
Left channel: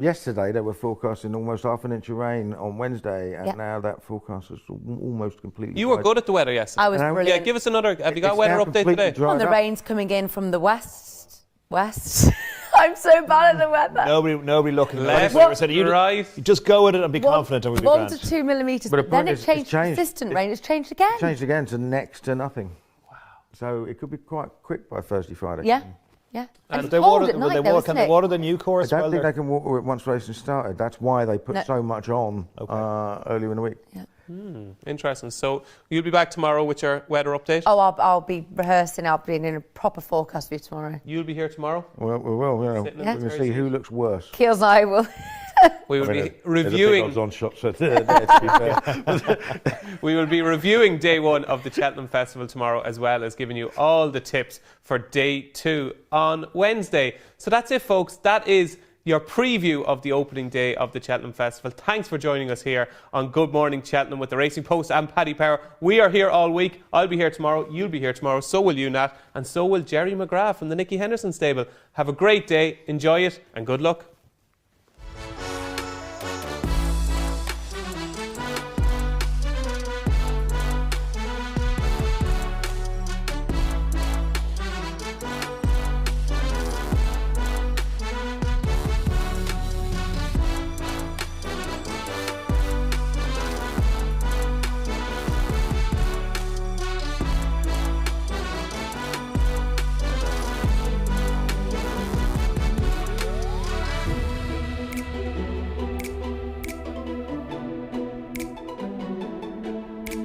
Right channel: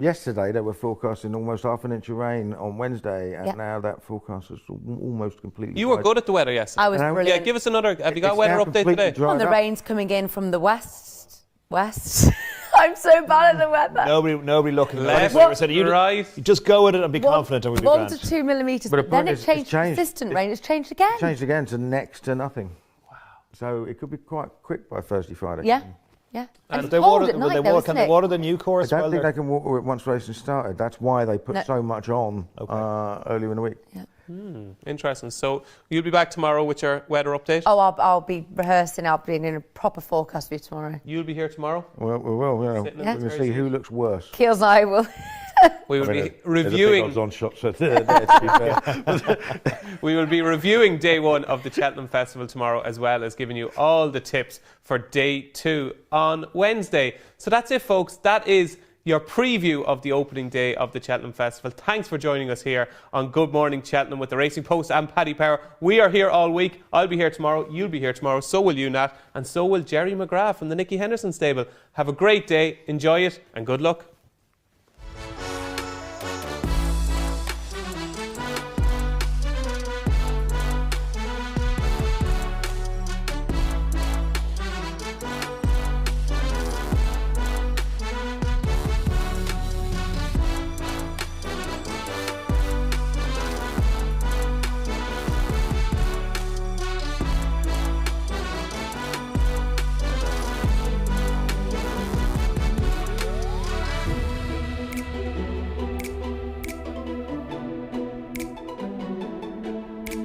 yesterday, they were forecasting almost half an inch of rain on Wednesday, and now that forecast is almost completely You were good at the weather yesterday. I was brilliant. Yeah, give us another. Have you got a weather update today? Well, the rain's coming in from the west. I'm so bad at the weather. Nobody looking. Left, you just go with it and be confident, and we'll be 1 to 2 millimetres. But then it changed. changed. Consistent rain. It's changed again. It changed again to next to nothing. Wow. So it could be quite quick by Thursday, Friday. Yeah. Yeah. And they water the new course. I don't think they can water it once racing started. That's why they put so much on earlier in the week. Yeah. Interesting. So you'll be back tomorrow with your weather update? Oh, I'll be rehearsing. I'll be in a proper forecast for you tomorrow. You'll be here tomorrow? Well, we will. We're going to see who looks worse. Keels and I will. We will be reviewing. We will be reviewing day 1 of the Cheltenham Festival tomorrow, as well as giving you all the tips for day 2 on Wednesday. So that's it, folks. That is your preview of the opening day of the Cheltenham Festival. Thanks for joining us here on Good Morning Cheltenham with the Racing Post and Paddy Power. We are here all week. I'll be here tomorrow. You'll be here tomorrow. So will you, Nat. And so will Jerry McGrath from the Nicky Henderson stable. Have a great day. Enjoy it and good luck.